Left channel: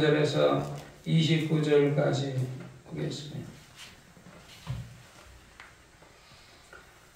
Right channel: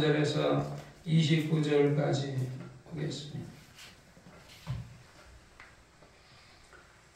절에서 29절까지 보겠습니다.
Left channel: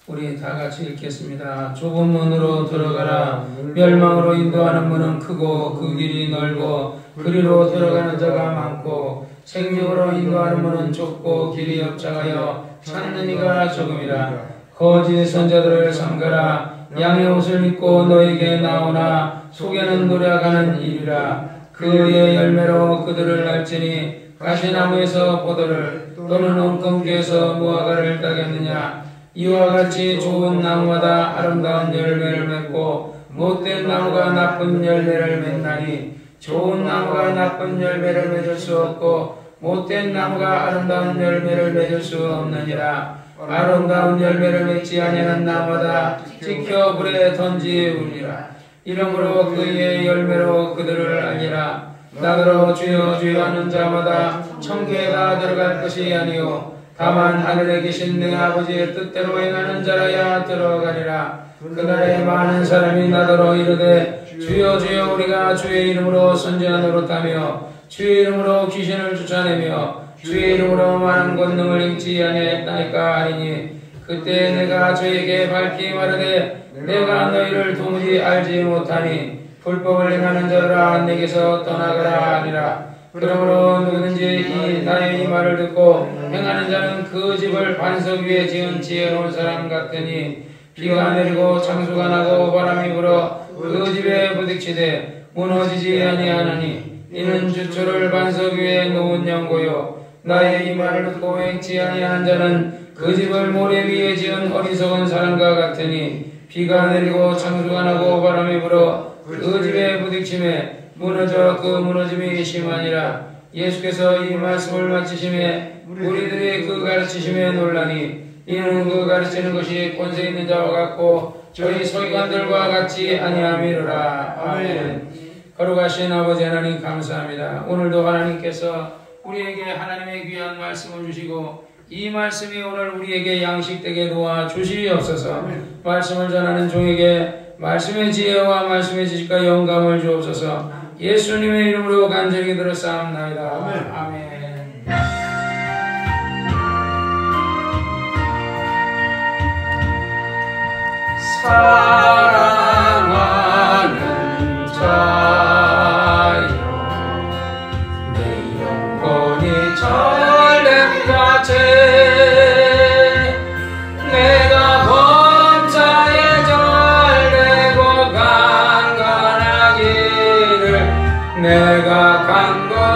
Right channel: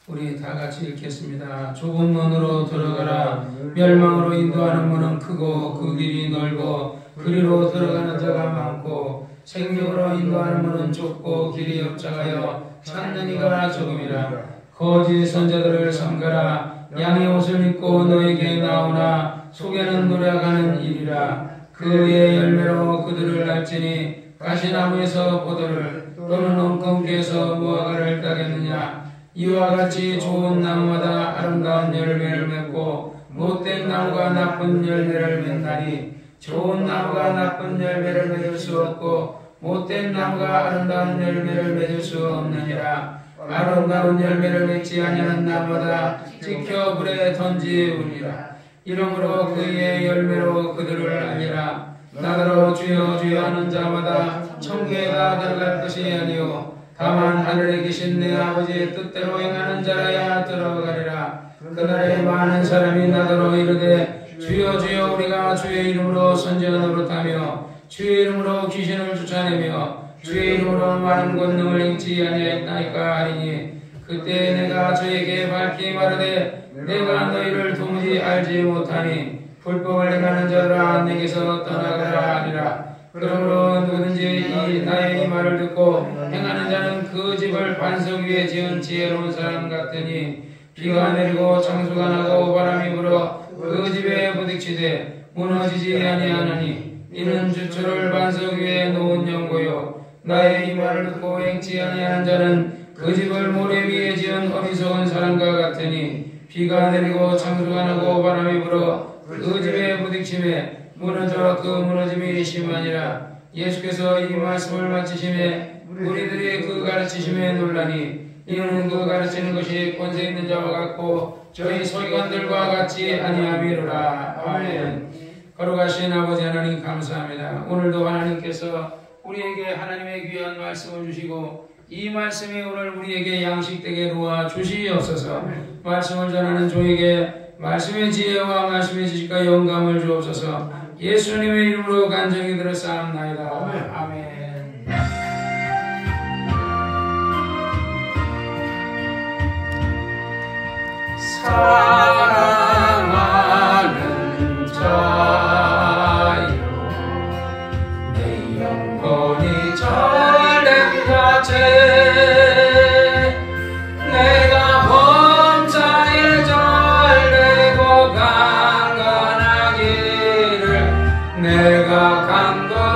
우리 다 같이 읽겠습니다. 좁은 문으로 들어가라. 멸망으로 인도하는 문은 크고 그 길이 넓고 그리로 들어가는 자가 많고 생명으로 인도하는 문은 좁고 길이 협착하여 찾는 이가 적음이라. 거짓 선자들을 삼가라. 양의 옷을 입고 너에게 나오나 속에는 노력하는 일이라. 그의 열매로 그들을 알지니 가시나무에서 포도를 또는 엉겅퀴에서 무화과를 따겠느냐. 이와 같이 좋은 나무마다 아름다운 열매를 맺고 못된 나무가 나쁜 열매를 맺나니 좋은 나무가 나쁜 열매를 맺을 수 없고 못된 나무가 아름다운 열매를 맺을 수 없느니라. 아름다운 열매를 맺지 아니하는 나무마다 찍혀 불에 던지우리라. 이러므로 그의 열매로 그들을 알리라. 나더러 주여 주여 하는 자마다 천국에가 들어갈 것이 아니요 다만 하늘에 계신 내 아버지의 뜻대로 행하는 자라야 들어가리라. 그날에 많은 사람이 나더러 이르되 주여 주여 우리가 주의 이름으로 선지자 노릇하며 주의 이름으로 귀신을 쫓아내며 주의 이름으로 많은 권능을 행치 아니했나이까 하리니 그때 내가 저에게 밝히 말하되 내가 너희를 도무지 알지 못하니 불법을 행하는 자들아 내게서 떠나가라 하리라. 그러므로 누구든지 나의 이 말을 듣고 행하는 자는 그 집을 반석 위에 지은 지혜로운 사람 같으니 비가 내리고 창수가 나고 바람이 불어 그 집에 부딪히되 무너지지 아니하나니 이는 주초를 반석 위에 놓은 연고요. 나의 이 말을 듣고 행치 아니한 자는 그 집을 모래 위에 지은 어리석은 사람과 같으니 비가 내리고 창수가 나고 바람이 불어 그 집에 부딪힘에 무너져 그 무너짐이 심하니라. 예수께서 이 말씀을 마치심에 우리들이 그 가르치심에 놀라니 이는 그 가르치는 것이 권세 있는 자와 같고 저희 서기관들과 같이 아니함이로라. 아멘. 거룩하신 아버지 하나님 감사합니다. 오늘도 하나님께서 우리에게 하나님의 귀한 말씀을 주시고 이 말씀이 오늘 우리에게 양식되게 도와주시옵소서. 말씀을 전하는 종에게 말씀의 지혜와 말씀의 지식과 영감을 주옵소서. 예수님의 이름으로 간절히 들었사옵나이다. 아멘. 사랑하는 자여 내 영혼이 잘된 자체 내가 범사에 잘되고 강건하기를 내가 간구하노라.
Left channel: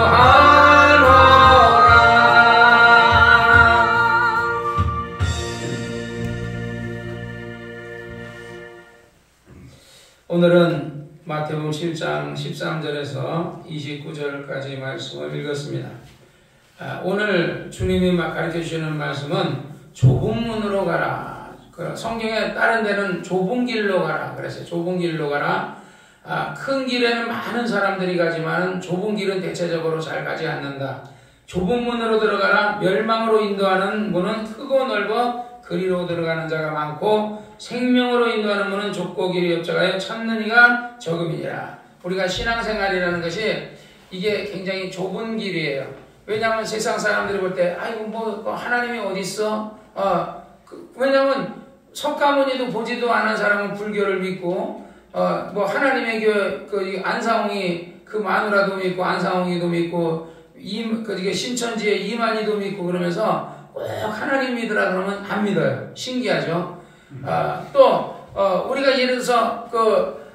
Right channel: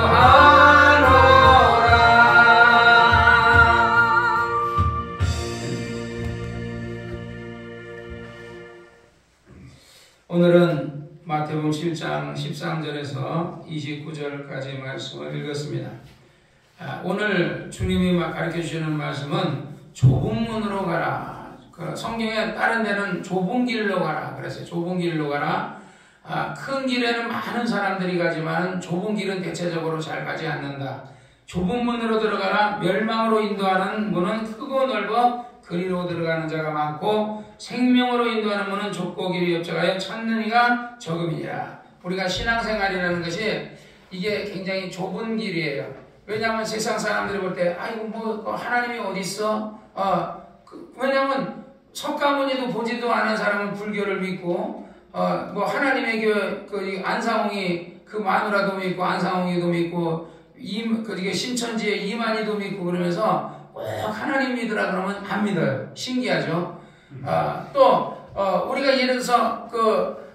오늘은 마태복음 7장 13절에서 29절까지 말씀을 읽었습니다. 오늘 주님이 가르쳐주시는 말씀은 좁은 문으로 가라. 성경에 다른 데는 좁은 길로 가라 그랬어요. 좁은 길로 가라. 큰 길에는 많은 사람들이 가지만 좁은 길은 대체적으로 잘 가지 않는다. 좁은 문으로 들어가라. 멸망으로 인도하는 문은 크고 넓어 그리로 들어가는 자가 많고 생명으로 인도하는 문은 좁고 길이 협착하여 찾는 이가 적음이니라. 우리가 신앙생활이라는 것이 이게 굉장히 좁은 길이에요. 왜냐하면 세상 사람들이 볼 때 아이고 뭐 하나님이 어디 있어? 왜냐하면 석가모니도 보지도 않은 사람은 불교를 믿고 뭐 하나님의 교회 그 안상홍이 그 마누라도 믿고 안상홍이도 믿고 신천지의 이만희도 믿고 그러면서 꼭 하나님 믿으라 그러면 안 믿어요. 신기하죠. 또 우리가 예를 들어서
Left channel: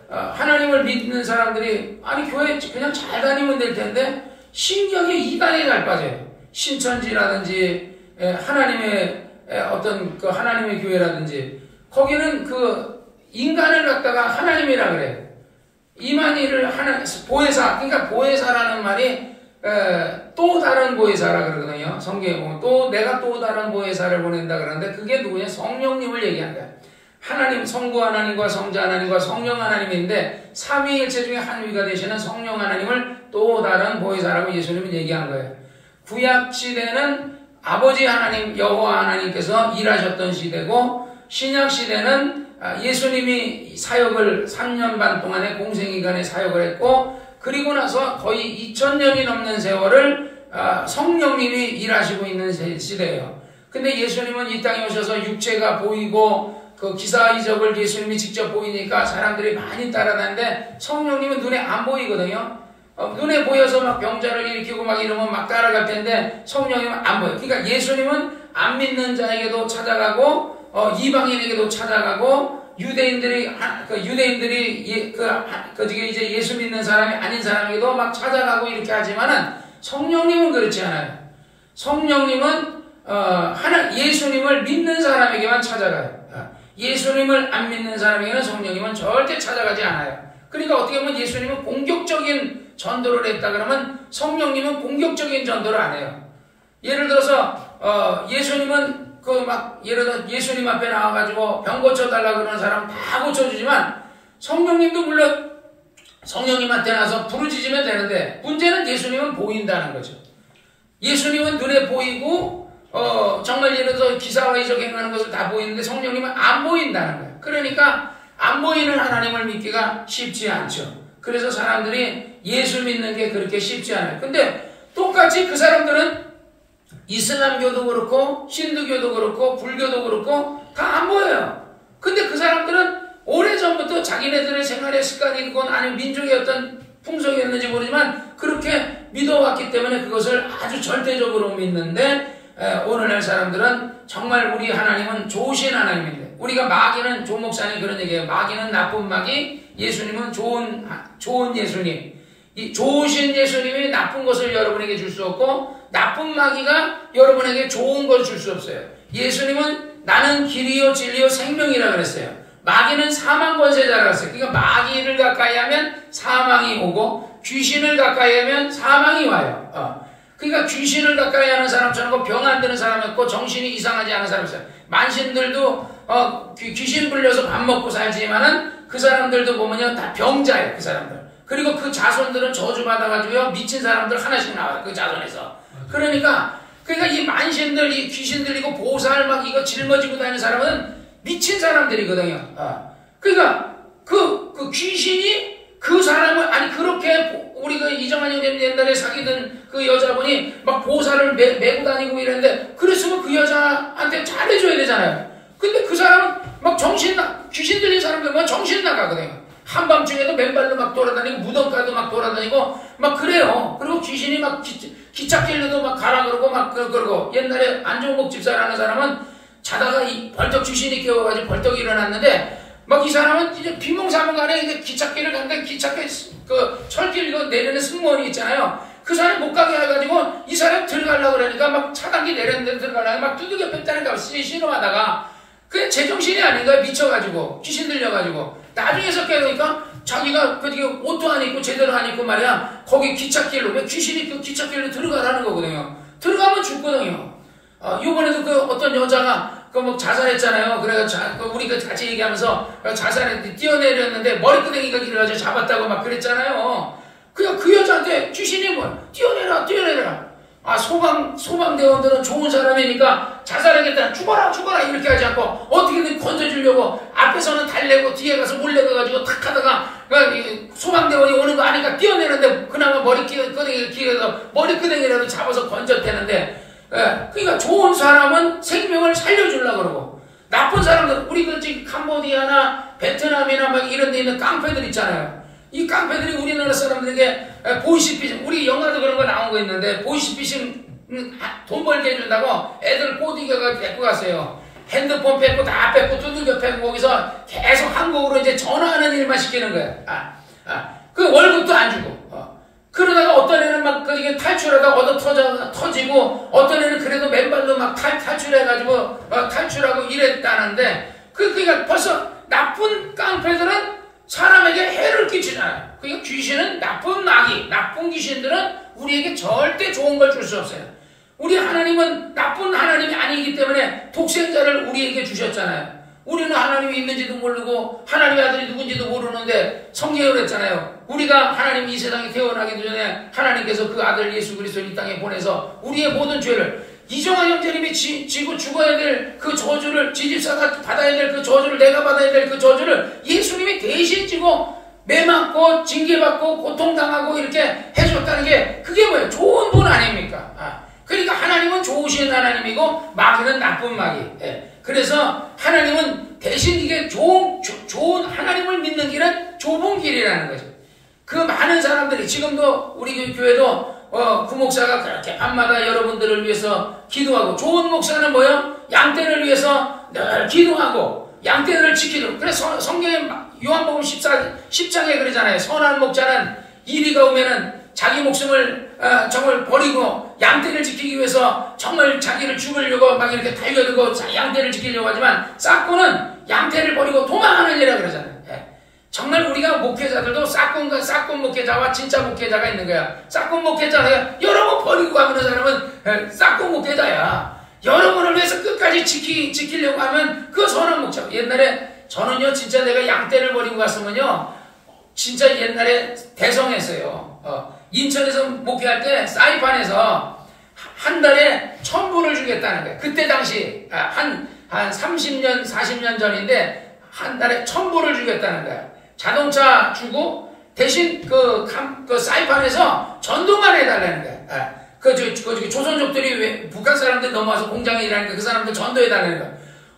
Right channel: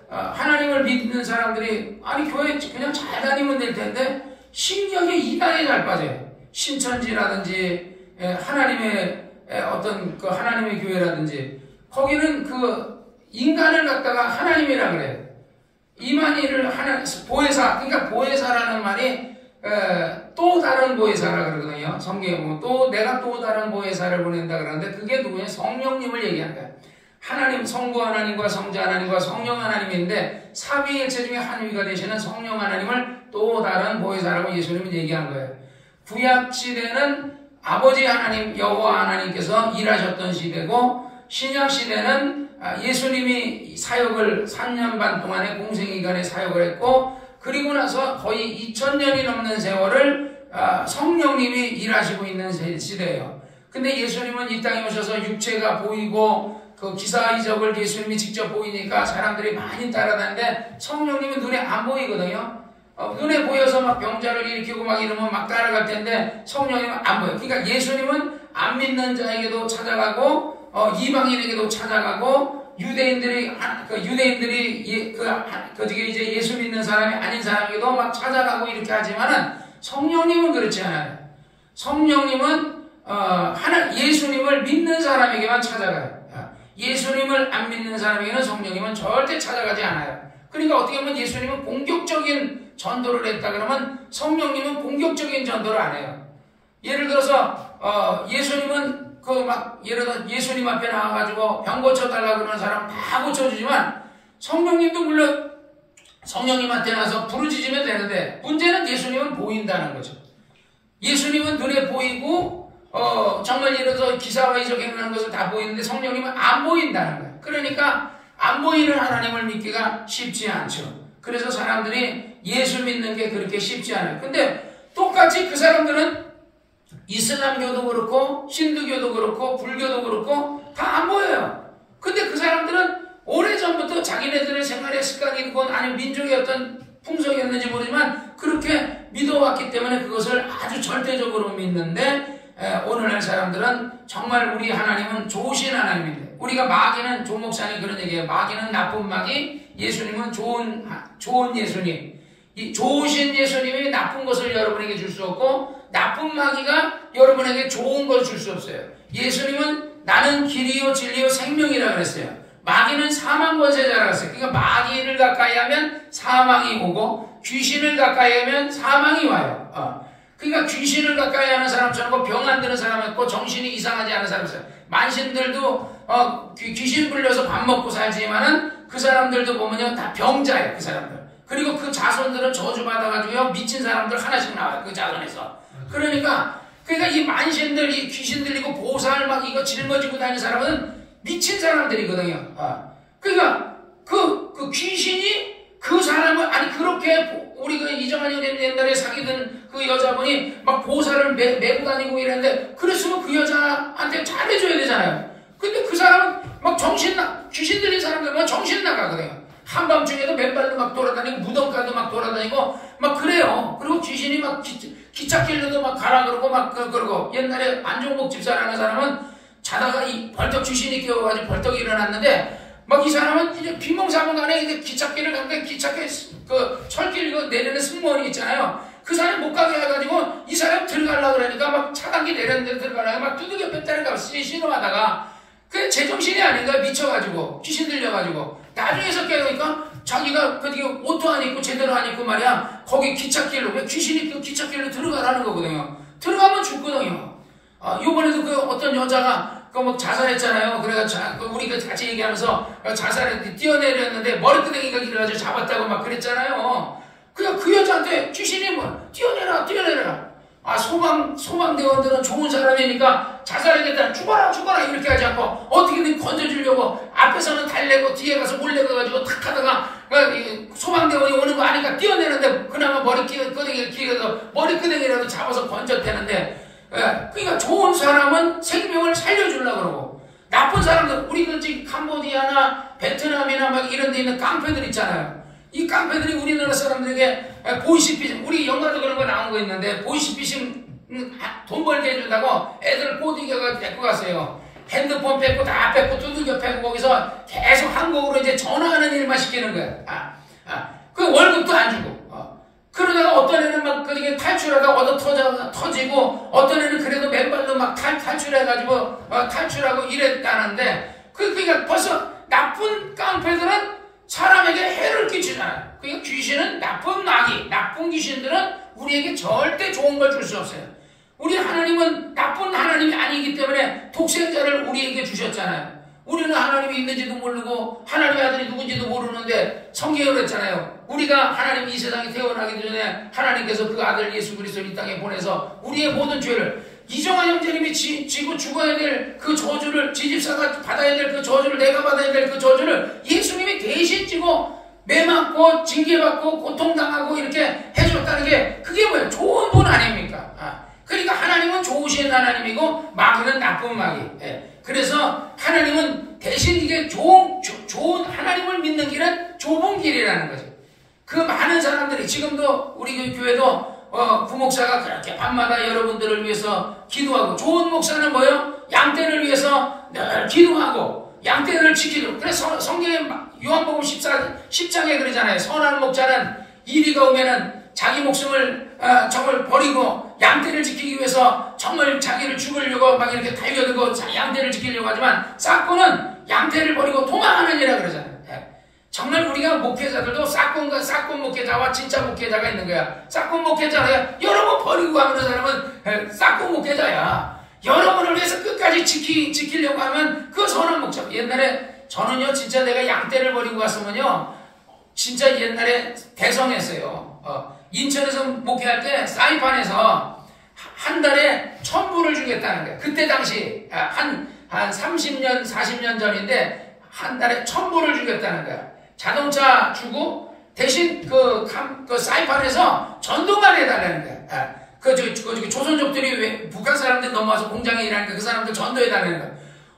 하나님을 믿는 사람들이 아니 교회 그냥 잘 다니면 될 텐데 신기하게 이단에 잘 빠져요. 신천지라든지 하나님의 어떤 하나님의 교회라든지 거기는 인간을 갖다가 하나님이라 그래요. 이만희를 보혜사, 그러니까 보혜사라는 말이 또 다른 보혜사라 그러거든요. 성경에 보면 내가 또 다른 보혜사를 보낸다 그러는데 그게 누구냐? 성령님을 얘기한 거야. 하나님, 성부 하나님과 성자 하나님과 성령 하나님인데 삼위일체 중에 한 위가 되시는 성령 하나님을 또 다른 보혜사라고 예수님은 얘기한 거예요. 구약 시대는 아버지 하나님, 여호와 하나님께서 일하셨던 시대고 신약 시대는 예수님이 사역을 3년 반 동안의 공생기간에 사역을 했고 그리고 나서 거의 2000년이 넘는 세월을 성령님이 일하시고 있는 시대예요. 근데 예수님은 이 땅에 오셔서 육체가 보이고 그 기사 이적을 예수님이 직접 보이니까 사람들이 많이 따라다니는데 성령님은 눈에 안 보이거든요. 눈에 보여서 막 병자를 일으키고 막 이러면 막 따라갈 텐데 성령님은 안 보여요. 그러니까 예수님은 안 믿는 자에게도 찾아가고 이방인에게도 찾아가고 유대인들이 이제 예수 믿는 사람이 아닌 사람에게도 막 찾아가고 이렇게 하지만은 성령님은 그렇지 않아요. 성령님은 예수님을 믿는 사람에게만 찾아가요. 예수님을 안 믿는 사람에게는 성령님은 절대 찾아가지 않아요. 그러니까 어떻게 보면 예수님은 공격적인 전도를 했다 그러면 성령님은 공격적인 전도를 안 해요. 예를 들어서 예수님은 예를 들어 예수님 앞에 나와가지고 병 고쳐달라고 그러는 사람 다 고쳐주지만 성령님도 물론 성령님한테 나서 부르짖으면 되는데 문제는 예수님은 보인다는 거죠. 예수님은 눈에 보이고 정말 예를 들어서 기사와 이적 행하는 것을 다 보이는데 성령님은 안 보인다는 거예요. 그러니까 안 보이는 하나님을 믿기가 쉽지 않죠. 그래서 사람들이 예수 믿는 게 그렇게 쉽지 않아요. 근데 똑같이 그 사람들은 이슬람교도 그렇고 힌두교도 그렇고 불교도 그렇고 다 안 보여요. 근데 그 사람들은 오래전부터 자기네들의 생활의 습관이건 아니면 민족의 어떤 풍속이었는지 모르지만 그렇게 믿어왔기 때문에 그것을 아주 절대적으로 믿는데 오늘날 사람들은 정말 우리 하나님은 좋으신 하나님인데 우리가 마귀는 조 목사님 그런 얘기해요. 마귀는 나쁜 마귀, 예수님은 좋은 예수님. 이 좋으신 예수님이 나쁜 것을 여러분에게 줄 수 없고 나쁜 마귀가 여러분에게 좋은 걸 줄 수 없어요. 예수님은 나는 길이요 진리요 생명이라 그랬어요. 마귀는 사망 권세자라고 했어요. 그러니까 마귀를 가까이 하면 사망이 오고 귀신을 가까이 하면 사망이 와요. 그러니까 귀신을 가까이 하는 사람처럼 병 안 드는 사람이 있고 정신이 이상하지 않은 사람이 있어요. 만신들도 귀신 불려서 밥 먹고 살지만은 그 사람들도 보면요 다 병자예요. 그 사람들. 그리고 그 자손들은 저주받아가지고요 미친 사람들 하나씩 나와요. 그 자손에서. 그러니까 이 만신들, 이 귀신들, 이거 보살 막 이거 짊어지고 다니는 사람은 미친 사람들이거든요. 그러니까 그 귀신이 그 사람을 그렇게 우리가 이정환 형님 옛날에 사귀던 그 여자분이 막 보살을 메고 다니고 이랬는데 그랬으면 그 여자한테 잘해줘야 되잖아요. 근데 그 사람은 막 귀신 들린 사람들은 정신 나가거든요. 한밤중에도 맨발로 막 돌아다니고 무덤가도 막 돌아다니고 막 그래요. 그리고 귀신이 막 기찻길로도 막 가라 그러고 막 그러고 옛날에 안종복 집사라는 사람은 자다가 벌떡 귀신이 깨워가지고 벌떡 일어났는데 막 이 사람은 이제 비몽사몽간에 이제 기찻길을 갔는데 기찻길 그 철길 이거 내리는 승무원이 있잖아요. 그 사람 못 가게 해가지고 이 사람 들어가려고 그러니까 막 차단기 내렸는데 들어가려고 막 두들겨 뺐다니까 신호하다가 그게 제정신이 아닌가 미쳐가지고 귀신 들려가지고 나중에서 깨우니까 자기가 그게 옷도 안 입고 제대로 안 입고 말이야 거기 기찻길로 왜 귀신이 그 기찻길로 들어가라는 거거든요. 들어가면 죽거든요. 요번에도 그 어떤 여자가 뭐 자살했잖아요. 그래가지고 우리가 같이 얘기하면서 자살했는데 뛰어내렸는데 머리끄댕이가 길어가지고 잡았다고 막 그랬잖아요. 그 여자한테 귀신이 뭐 뛰어내라. 소방대원들은 좋은 사람이니까 자살하겠다. 죽어라 이렇게 하지 않고 어떻게든 건져주려고 앞에서는 달래고 뒤에 가서 몰래 가가지고 탁 하다가 소방대원이 오는 거 아니까 뛰어내는데 그나마 머리끄댕이가 길어서 머리끄댕이라도 잡아서 건졌대는데 그러니까 좋은 사람은 생명을 살려주려고 그러고 나쁜 사람들 우리 캄보디아나 베트남이나 막 이런 데 있는 깡패들 있잖아요. 이 깡패들이 우리나라 사람들에게 보이시피즘 우리 영화도 그런 거 나온 거 있는데 보이시피즘 돈 벌게 해준다고 애들 꼬디겨가 데리고 갔어요. 핸드폰 뺏고 다 뺏고 두들겨 패고 거기서 계속 한국으로 이제 전화하는 일만 시키는 거야. 그 월급도 안 주고. 그러다가 어떤 애는 막 그게 탈출하다가 얻어 터지고 어떤 애는 그래도 맨발로 막 탈출해가지고 탈출하고 이랬다는데 그러니까 벌써 나쁜 깡패들은 사람에게 해를 끼치잖아요. 그러니까 귀신은 나쁜 마귀, 나쁜 귀신들은 우리에게 절대 좋은 걸 줄 수 없어요. 우리 하나님은 나쁜 하나님이 아니기 때문에 독생자를 우리에게 주셨잖아요. 우리는 하나님이 있는지도 모르고 하나님의 아들이 누군지도 모르는데 성경에 그랬잖아요. 우리가 하나님 이 세상에 태어나기 전에 하나님께서 그 아들 예수 그리스도를 이 땅에 보내서 우리의 모든 죄를 이정환 형제님이 지고 죽어야 될 그 저주를 지집사가 받아야 될 그 저주를 내가 받아야 될 그 저주를 예수님이 대신 지고 매 맞고 징계받고 고통당하고 이렇게 해줬다는 게 그게 뭐예요? 좋은 분 아닙니까? 그러니까 하나님은 좋으신 하나님이고 마귀는 나쁜 마귀. 그래서 하나님은 대신 이게 좋은 하나님을 믿는 길은 좁은 길이라는 거죠. 그 많은 사람들이 지금도 우리 교회도 구목사가 그렇게 밤마다 여러분들을 위해서 기도하고, 좋은 목사는 뭐요? 양떼를 위해서 늘 기도하고 양떼를 지키도록. 그래서 성경에 요한복음 10장에 그러잖아요. 선한 목자는 이리가 오면은 자기 목숨을 정말 버리고 양떼를 지키기 위해서 정말 자기를 죽으려고 막 이렇게 달려들고 양떼를 지키려고 하지만, 싹꾼은 양떼를 버리고 도망하느니라 그러잖아요. 정말 우리가 목회자들도 싹꾼 목회자와 진짜 목회자가 있는 거야. 싹꾼 목회자는 여러분 버리고 가는 사람은 싹꾼 목회자야. 여러분을 위해서 끝까지 지키려고 하면 그 선한 목자. 옛날에 저는요, 진짜 내가 양떼를 버리고 갔으면요, 진짜 옛날에 대성했어요. 인천에서 목회할 때 사이판에서 한 달에 1,000불을 주겠다는 거예요. 그때 당시 한 30년 40년 전인데 한 달에 1,000불을 주겠다는 거야. 자동차 주고 대신 그 사이판에서 전도만 해달라는 거야. 조선족들이 북한 사람들이 넘어와서 공장에 일하니까 그 사람들 전도해달라는 거야.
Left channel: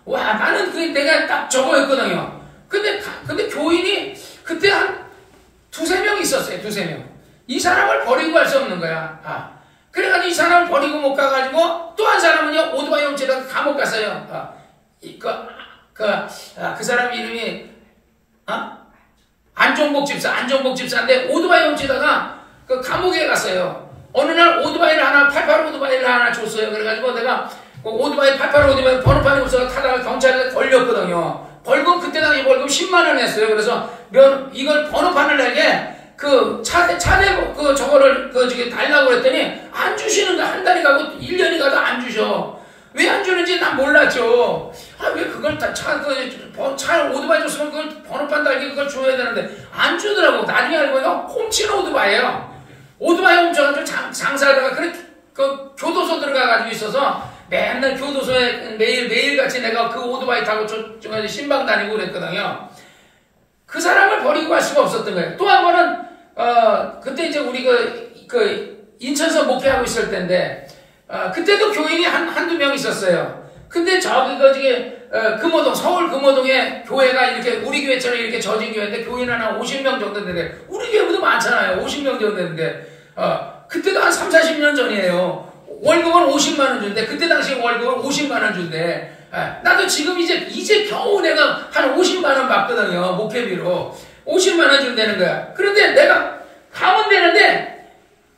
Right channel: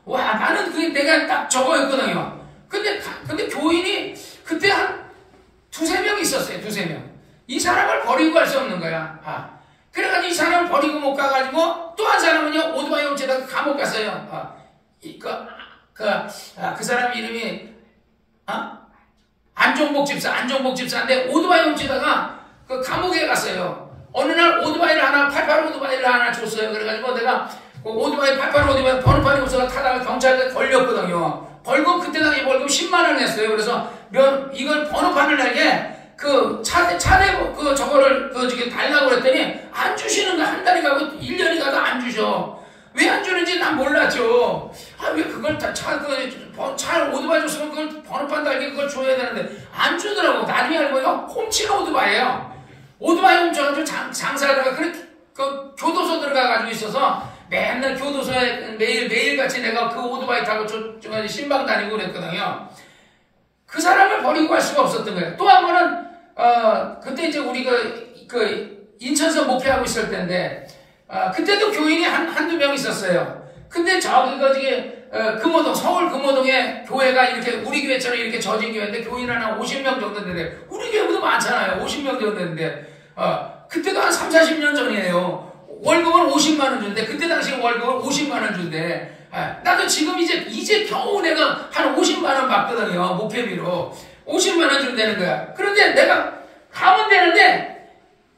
와, 나는 그게 내가 딱 저거였거든요. 근데 교인이 그때 한 2-3명 있었어요. 2-3명. 이 사람을 버리고 갈 수 없는 거야. 그래가지고 이 사람을 버리고 못 가가지고 또 한 사람은요, 오토바이 훔치다가 감옥 갔어요. 그 사람 이름이 안종복 집사인데 오토바이 훔치다가 그 감옥에 갔어요. 어느 날 88 오토바이를 하나 줬어요. 그래가지고 내가 그 오토바이 88 오토바이 번호판이 없어서 타다가 경찰에 걸렸거든요. 벌금, 그때 당시 벌금 10만원 했어요. 그래서 이걸 번호판을 내게 그 차대 저거를 달라고 그랬더니 안 주시는 거. 한 달이 가고 1년이 가도 안 주셔. 왜 안 주는지 난 몰랐죠. 왜 그걸 차 오토바이 줬으면 그걸 번호판 달기 그걸 줘야 되는데 안 주더라고. 나중에 알고 보니까 훔친 오토바이예요. 오토바이 훔쳐가지고 장사하다가 그 교도소 들어가가지고 있어서 맨날 교도소에 매일같이 내가 그 오토바이 타고 신방 다니고 그랬거든요. 그 사람을 버리고 갈 수가 없었던 거예요. 또 한 번은 그때 이제 우리 인천서 목회하고 있을 때인데, 그때도 교인이 한두 명 있었어요. 근데 금호동, 서울 금호동에 교회가 이렇게 우리 교회처럼 이렇게 젖은 교회인데 교인 하나 50명 정도 되는데, 우리 교회보다 많잖아요. 50명 정도 되는데, 그때도 한 30-40년 전이에요. 월급은 50만원 준대. 그때 당시 월급을 50만원 준대. 나도 지금 이제 겨우 내가 한 50만원 받거든요. 목회비로. 50만원 준다는 거야. 그런데 내가 가면 되는데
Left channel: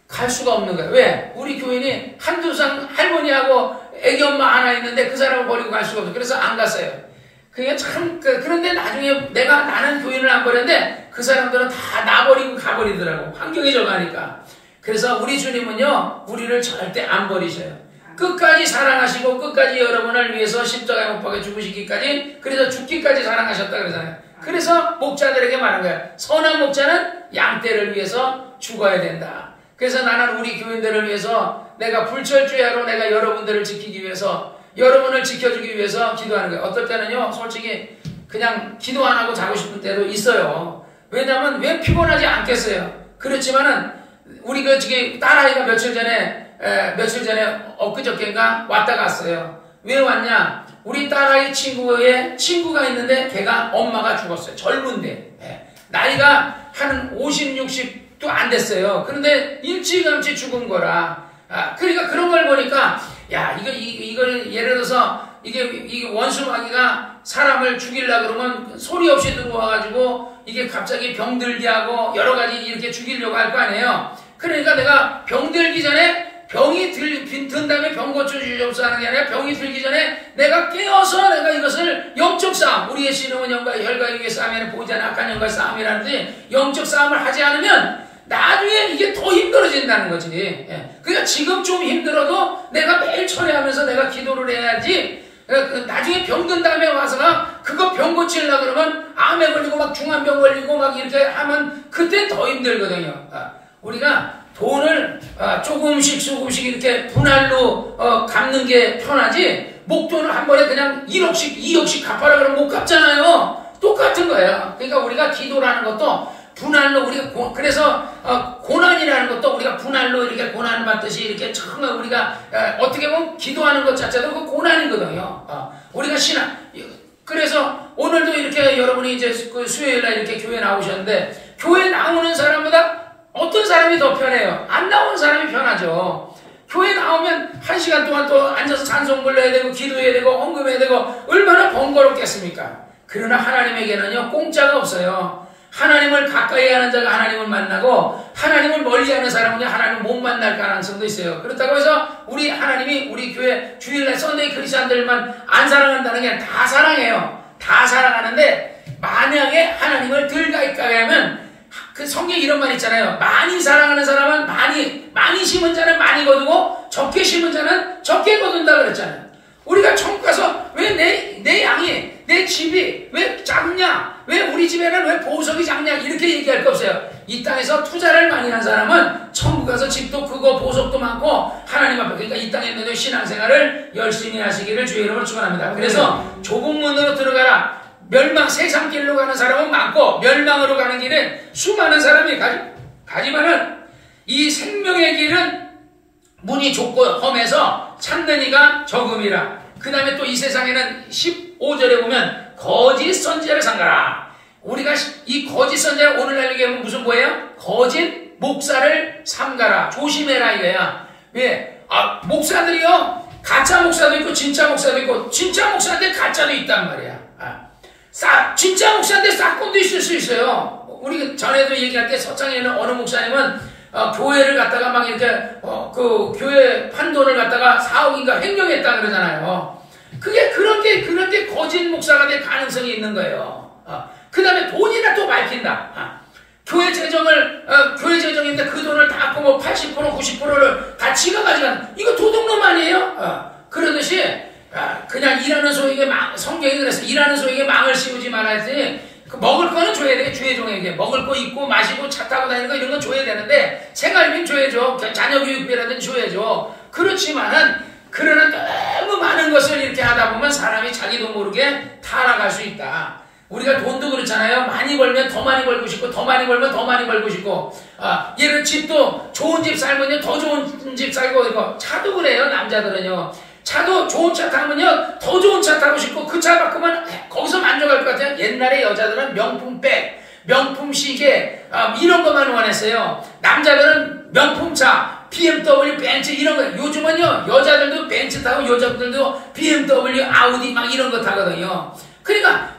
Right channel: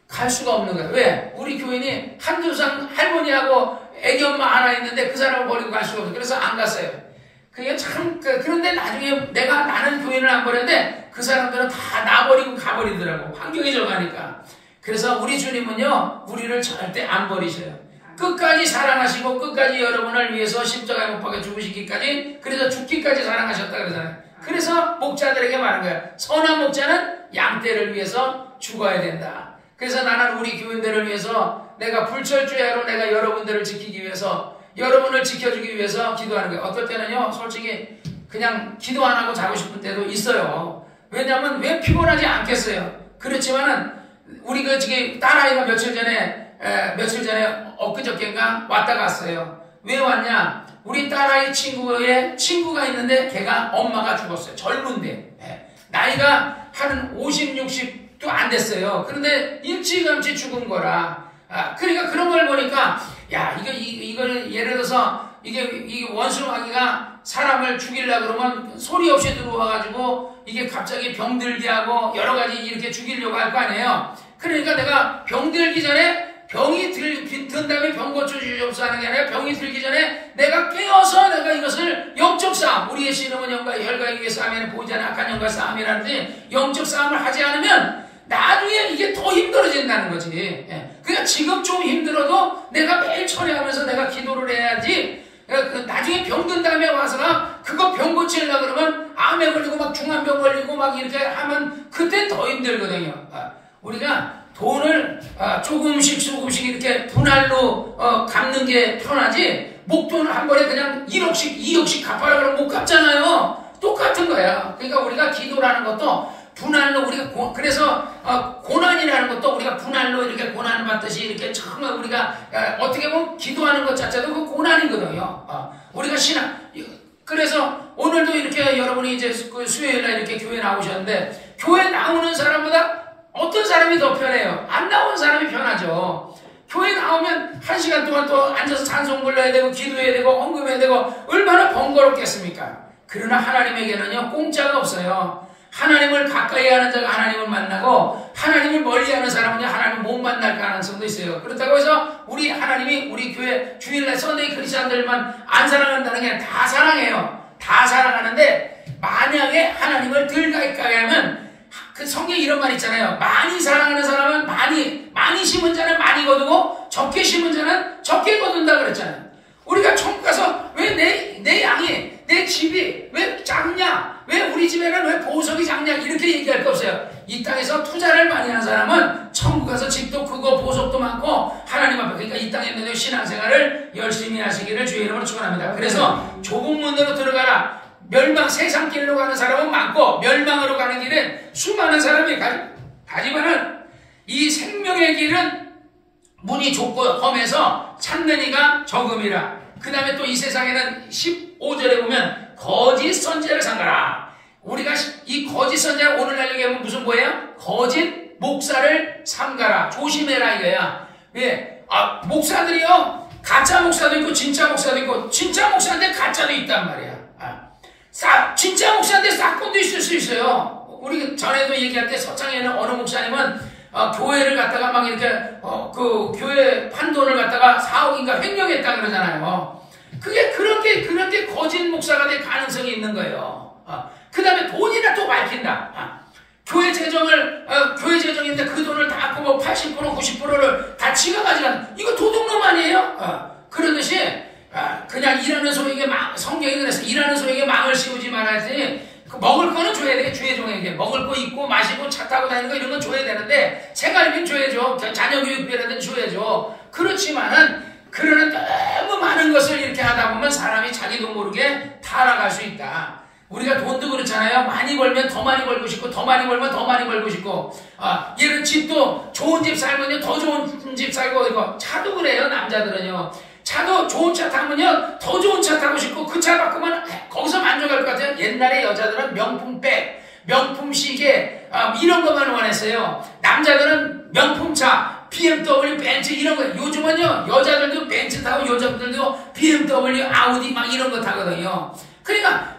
갈 수가 없는 거야. 왜? 우리 교인이 한두상 할머니하고 애기 엄마 하나 있는데 그 사람을 버리고 갈 수가 없어. 그래서 안 갔어요. 그게 참, 그런데 나중에 나는 교인을 안 버렸는데 그 사람들은 다 나버리고 가버리더라고. 환경이 저가니까. 그래서 우리 주님은요, 우리를 절대 안 버리셔요. 끝까지 사랑하시고 끝까지 여러분을 위해서 십자가에 못 박혀 죽으시기까지, 그래서 죽기까지 사랑하셨다 그러잖아요. 그래서 목자들에게 말한 거예요. 선한 목자는 양떼를 위해서 죽어야 된다. 그래서 나는 우리 교인들을 위해서 내가 불철주야로 내가 여러분들을 지키기 위해서, 여러분을 지켜주기 위해서 기도하는 거예요. 어떨 때는요, 솔직히 그냥 기도 안 하고 자고 싶을 때도 있어요. 왜냐면 왜 피곤하지 않겠어요. 그렇지만은 우리 딸아이가 며칠 전에 엊그저께인가 왔다 갔어요. 왜 왔냐? 우리 딸아이 친구가 있는데 걔가 엄마가 죽었어요. 젊은데. 나이가 한 50, 60도 안 됐어요. 그런데 일찌감치 죽은 거라. 그러니까 그런 걸 보니까, 야, 이걸 예를 들어서 이게 원수마귀가 사람을 죽이려고 그러면 소리 없이 들어와가지고 이게 갑자기 병들게 하고 여러 가지 이렇게 죽이려고 할 거 아니에요. 그러니까 내가 병들기 전에, 병이 든 다음에 병 고쳐주시옵소서 하는 게 아니라 병이 들기 전에 내가 깨어서 내가 이것을 영적 싸움, 우리의 신앙은 영과 혈과 육의 싸움에는 보이지 않는 악한 영과 싸움이라든지 영적 싸움을 하지 않으면 나중에 이게 더 힘들어진다는 거지. 그러니까 지금 좀 힘들어도 내가 매일 철회하면서 내가 기도를 해야지. 나중에 병든 다음에 와서가 그거 병 고치려고 그러면 암에 걸리고 막 중환병 걸리고 막 이렇게 하면 그때 더 힘들거든요. 우리가 돈을 조금씩 이렇게 분할로 갚는 게 편하지, 목돈을 한 번에 그냥 1억씩 2억씩 갚아라 그러면 못 갚잖아요. 똑같은 거야. 그러니까 우리가 기도라는 것도 분할로 우리가 그래서 고난이라는 것도 우리가 분할로 이렇게 고난을 받듯이 이렇게 정말 우리가 어떻게 보면 기도하는 것 자체도 그 고난이거든요. 우리가 그래서 오늘도 이렇게 여러분이 이제 그 수요일날 이렇게 교회 나오셨는데 교회 나오는 사람보다 어떤 사람이 더 편해요? 안 나오는 사람이 편하죠. 교회 나오면 1시간 동안 또 앉아서 찬송 불러야 되고 기도해야 되고 헌금해야 되고 얼마나 번거롭겠습니까? 그러나 하나님에게는요 공짜가 없어요. 하나님을 가까이 하는 자가 하나님을 만나고 하나님을 멀리하는 사람은 하나님을 못 만날 가능성도 있어요. 그렇다고 해서 우리 하나님이 우리 교회 주일날 썬데이 크리스찬들만 안 사랑한다는 게 아니라 다 사랑해요. 다 사랑하는데 만약에 하나님을 덜 가까이 하면 그 성경에 이런 말 있잖아요. 많이 사랑하는 사람은 많이 심은 자는 많이 거두고 적게 심은 자는 적게 거둔다 그랬잖아요. 우리가 천국 가서 왜 내 양이 내 집이 왜 작냐? 왜 우리 집에는 왜 보석이 작냐? 이렇게 얘기할 거 없어요. 이 땅에서 투자를 많이 한 사람은 천국 가서 집도 크고 보석도 많고 하나님 앞에 그러니까 이 땅에 있는 신앙생활을 열심히 하시기를 주의 이름으로 축원합니다. 그래서 좁은 문으로 들어가라. 세상길로 가는 사람은 많고 멸망으로 가는 길은 수많은 사람이 가지만은 이 생명의 길은 문이 좁고 험해서 찾는 이가 적음이라. 그 다음에 또 이 세상에는 15절에 보면 거짓 선지자를 삼가라. 우리가 이 거짓 선지자 오늘날 얘기하면 무슨 거예요? 거짓 목사를 삼가라. 조심해라 이거야. 왜? 목사들이요 가짜 목사도 있고 진짜 목사도 있고 진짜 목사인데 가짜도 있단 말이야. 진짜 목사인데 싹꾼도 있을 수 있어요. 우리 전에도 얘기할 때 서창에는 어느 목사님은 교회를 갖다가 막 이렇게 그 교회 판돈을 갖다가 4억인가 횡령했다 그러잖아요. 그게 그런 게 거짓 목사가 될 가능성이 있는 거예요. 그 다음에 돈이나 또 밝힌다. 교회 재정인데 그 돈을 다 갖고 뭐 80% 90%를 다 지가 가져가는 이거 도둑놈 아니에요? 그러듯이 그냥 일하는 소에게 성경이 그래서 일하는 소에게 망을 씌우지 말아야지. 먹을 거는 줘야 돼. 주의 종에게 먹을 거 입고 마시고 차 타고 다니는 거 이런 건 줘야 되는데 생활비는 줘야죠. 자녀 교육비라든지 줘야죠. 그렇지만은 그러는 너무 많은 것을 이렇게 하다 보면 사람이 자기도 모르게 타락할 수 있다. 우리가 돈도 그렇잖아요. 많이 벌면 더 많이 벌고 싶고 더 많이 벌면 더 많이 벌고 싶고 얘는 집도 좋은 집 살면요 더 좋은 집 살고 이거 차도 그래요. 남자들은요. 차도 좋은 차 타면요 더 좋은 차 타고 싶고 그 차 바꾸면 거기서 만족할 것 같아요. 옛날에 여자들은 명품백, 명품 시계 이런 것만 원했어요. 남자들은 명품차, BMW, 벤츠 이런 거. 요즘은요 여자들도 벤츠 타고 여자들도 BMW, 아우디 막 이런 거 타거든요. 그러니까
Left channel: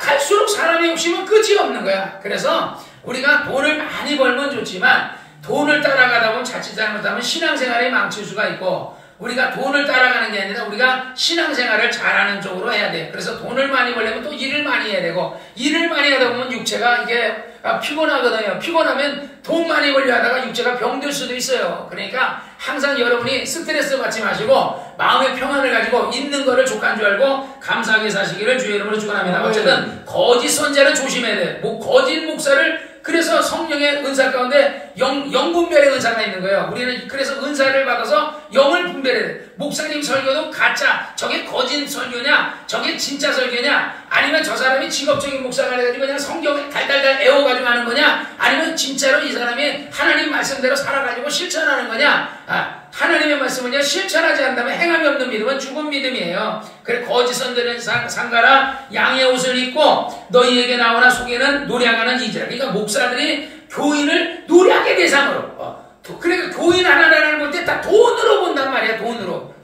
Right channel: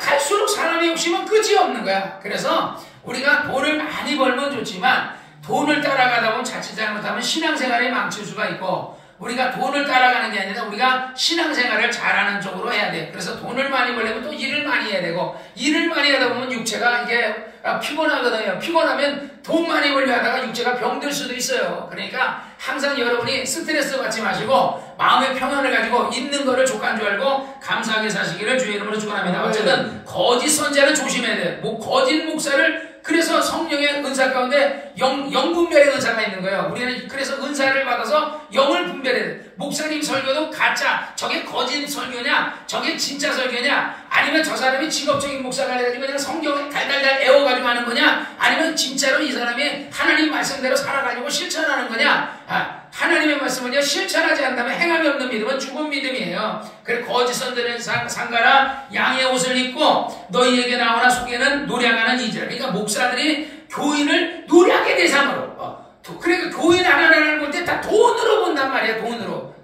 갈수록 사람의 욕심은 끝이 없는 거야. 그래서 우리가 돈을 많이 벌면 좋지만 돈을 따라가다 보면 자칫 잘못하면 신앙생활이 망칠 수가 있고 우리가 돈을 따라가는 게 아니라 우리가 신앙생활을 잘하는 쪽으로 해야 돼. 그래서 돈을 많이 벌려면 또 일을 많이 해야 되고 일을 많이 하다 보면 육체가 이게 피곤하거든요. 피곤하면 돈 많이 벌려 하다가 육체가 병들 수도 있어요. 그러니까 항상 여러분이 스트레스 받지 마시고 마음의 평안을 가지고 있는 거를 족한 줄 알고 감사하게 사시기를 주의 이름으로 축원합니다. 어쨌든 거짓 선지자는 조심해야 돼. 거짓 목사를 그래서 성령의 은사 가운데 영분별의 은사가 있는 거예요. 우리는 그래서 은사를 받아서 영을 분별해야 돼. 목사님 설교도 가짜, 저게 거짓 설교냐, 저게 진짜 설교냐, 아니면 저 사람이 직업적인 목사가 돼가지고 그냥 성경에 달달달 애워가지고 하는 거냐, 아니면 진짜로 이 사람이 하나님 말씀대로 살아가지고 실천하는 거냐. 하나님의 말씀은요 실천하지 않다면 행함이 없는 믿음은 죽은 믿음이에요. 그래 거짓 선지자는 삼가라. 양의 옷을 입고 너희에게 나오나 속에는 노략하는 이지라. 그러니까 목사들이 교인을 노략의 대상으로 그러니까 교인 하나라는 건데 다 돈으로 본단 말이야. 돈으로.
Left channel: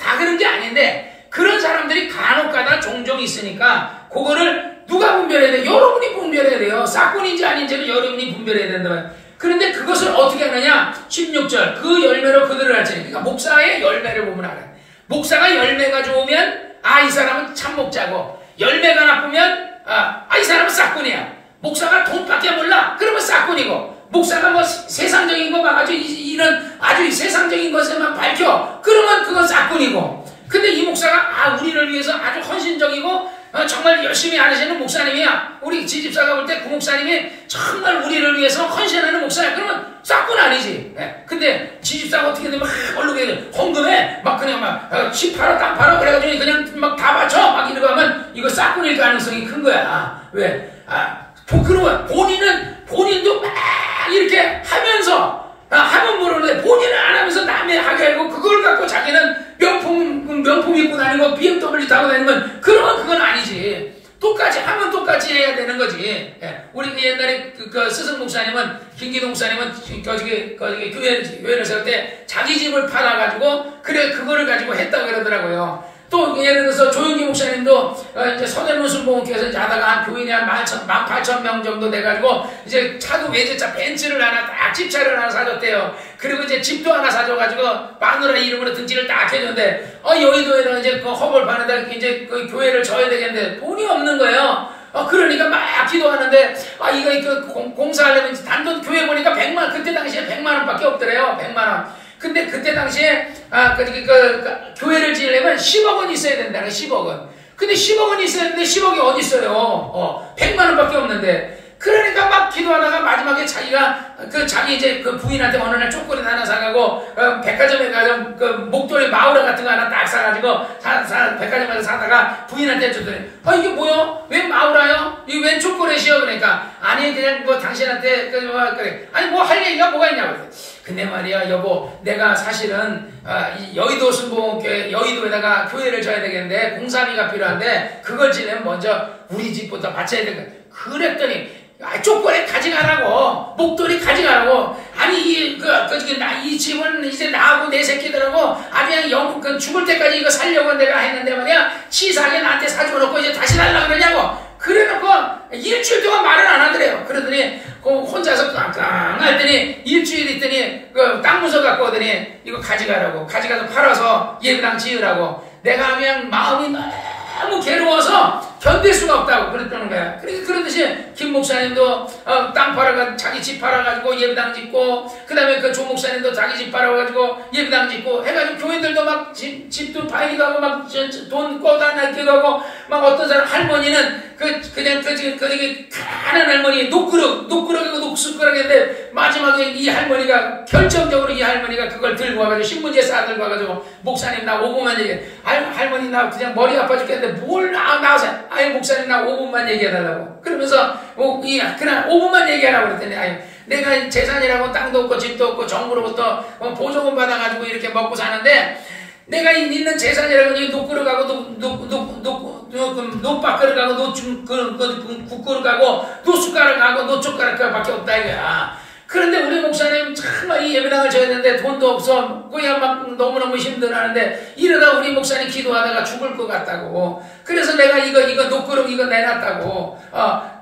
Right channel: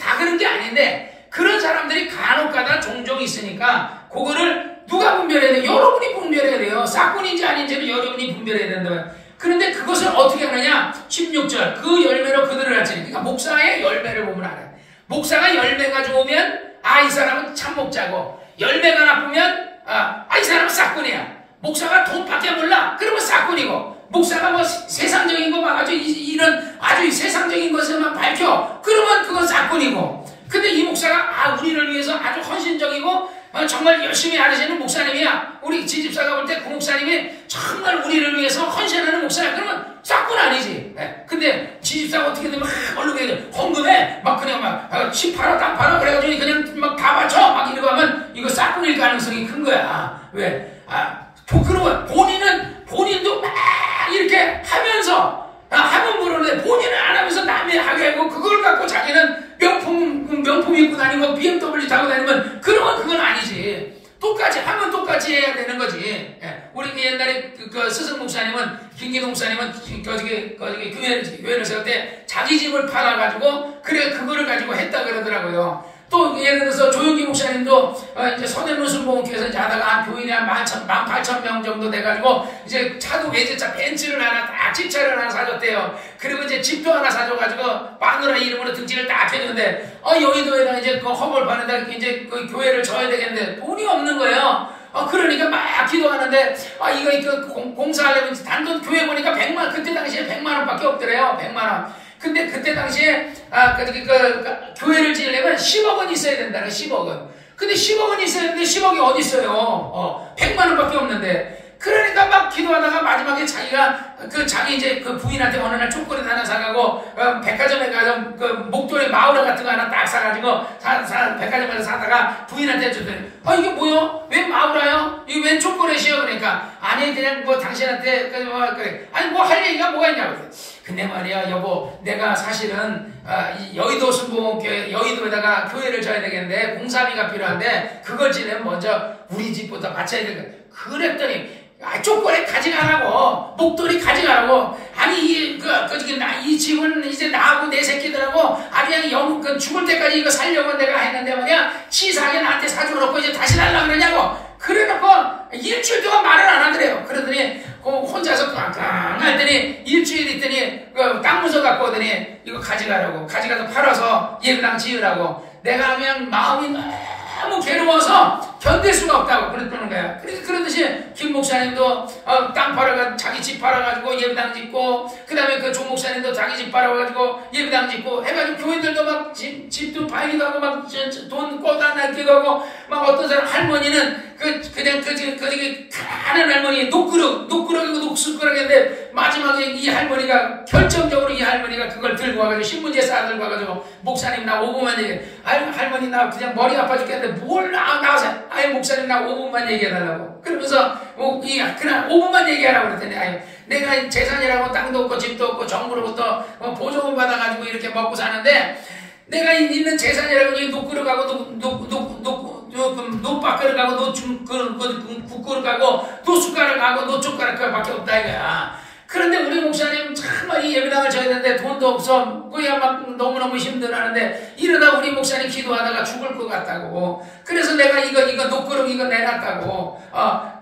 다 그런 게 아닌데 그런 사람들이 간혹가다 종종 있으니까 그거를 누가 분별해야 돼? 여러분이 분별해야 돼요. 사건인지 아닌지는 여러분이 분별해야 된다. 그런데 그것을 어떻게 하느냐? 16절 그 열매로 그들을 알지. 그러니까 목사의 열매를 보면 알아요. 목사가 열매가 좋으면 이 사람은 참목자고 열매가 나쁘면 이 사람은 싹꾼이야. 목사가 돈밖에 몰라. 그러면 싹꾼이고 목사가 뭐 세상적인 거 봐가지고 이런 아주 세상적인 것에만 밝혀. 그러면 그건 싹꾼이고. 근데 이 목사가 우리를 위해서 아주 헌신적이고 정말 열심히 하시는 목사님이야. 우리 지집사가 볼 때 그 목사님이 정말 우리를 위해서 헌신하는 목사야. 그러면 싹꾼 아니지. 근데 지집사가 어떻게 되면 얼룩에 헌금해 막 그냥 막 집 팔아 땅 팔아 그래가지고 그냥 막 다 바쳐 막 이러고 하면 이거 싹꾼일 가능성이 큰 거야. 왜? 그러면 본인도 막 이렇게 하면서 하면 모르는데 본인은 안 하면서 남이 하게 하고 그걸 갖고 자기는 명품 입고 다니고 BMW 타고 다니면 그러면 그건 아니지. 똑같이 하면 똑같이 해야 되는 거지. 예. 우리 그 옛날에 그 스승 목사님은 김기동 목사님은 거기 교회를 세울 때 자기 집을 팔아가지고 그래 그거를 가지고 했다 그러더라고요. 또 예를 들어서 조용기 목사님도 이제 서대문 순복음교회에서 이제 하다가 교인이 한 18,000명 정도 돼가지고 이제 차도 외제차 벤츠를 하나 딱 집차를 하나 사줬대요. 그리고 이제 집도 하나 사줘가지고 마누라 이름으로 등지를 딱 해줬는데 여의도에다 이제 그 허벌 파는데 이제 그 교회를 져야 되겠는데 돈이 없는 거예요. 그러니까 막 기도하는데 이거 공사하려면 단돈 교회 보니까 100만 그때 당시에 100만 원밖에 없더래요. 100만 원. 근데 그때 당시에 교회를 지으려면 10억 원 있어야 된다는 10억 원. 근데 10억 원 있어야 되는데 10억이 어디 있어요? 100만 원밖에 없는데. 그러니까 막 기도하다가 마지막에 자기가 자기 이제 그 부인한테 어느 날 초콜릿 하나 사가고 백화점에 가서 그 목도리 마우라 같은 거 하나 딱 사가지고 백화점에서 사다가 부인한테 줬더니 이게 뭐야? 왜 마우라요? 이게 웬 초콜릿이요? 그러니까 아니 그냥 뭐 당신한테 그래 아니 뭐 할 얘기가 뭐가 있냐고. 근데 말이야 여보 내가 사실은 여의도 순복음교회 여의도에다가 교회를 져야 되겠는데 공사비가 필요한데 그걸 지내면 먼저 우리 집부터 바쳐야 되거든. 그랬더니 초콜릿 가져가라고 목도리 가져가라고 아니 이 집은 이제 나하고 내 새끼들하고 그냥 죽을 때까지 이거 살려고 내가 했는데 말이야 치사하게 나한테 사줘놓고 이제 다시 달라고 그러냐고 그래놓고 일주일 동안 말을 안 하더래요. 그러더니 혼자서 깡깡 했더니 일주일 있더니 땅 문서 갖고 오더니 이거 가져가라고 가져가서 팔아서 예배당 지으라고 내가 그냥 마음이 너무 괴로워서 견딜 수가 없다고 그랬다는 거야. 그러니까 그러듯이 김 목사님도 땅 팔아가 자기 집 팔아가지고 예배당 짓고 그 다음에 그 조 목사님도 자기 집 팔아가지고 예배당 짓고 해가지고 교인들도 막 집도 팔기도 하고 막 돈 꿔다 낼기도 하고 막 어떤 사람 할머니는 그냥 가는 할머니 녹그럭이고 녹술거락인데 마지막에 이 할머니가 결정적으로 이 할머니가 그걸 들고 와가지고 신문지에 싸들고 와가지고 목사님 나 5분만 얘기해. 할머니 나 그냥 머리 아파 죽겠는데 뭘 나와서 아니 목사님 나 5분만 얘기해달라고 그러면서 그냥 5분만 얘기하라고 그랬더니 내가 재산이라고 땅도 없고 집도 없고 정부로부터 보조금 받아가지고 이렇게 먹고 사는데 내가 있는 재산이라고 녹그릇하고 노박그릇하고 국그릇하고 노숟가락하고 노젓가락밖에 없다 이거야. 그런데 우리 목사님 정말 이 예배당을 져야 되는데 돈도 없어 그냥 막 너무너무 힘들어하는데 이러다 우리 목사님 기도하다가 죽을 것 같다고. 그래서 내가 이거 녹그릇 이거 내놨다고.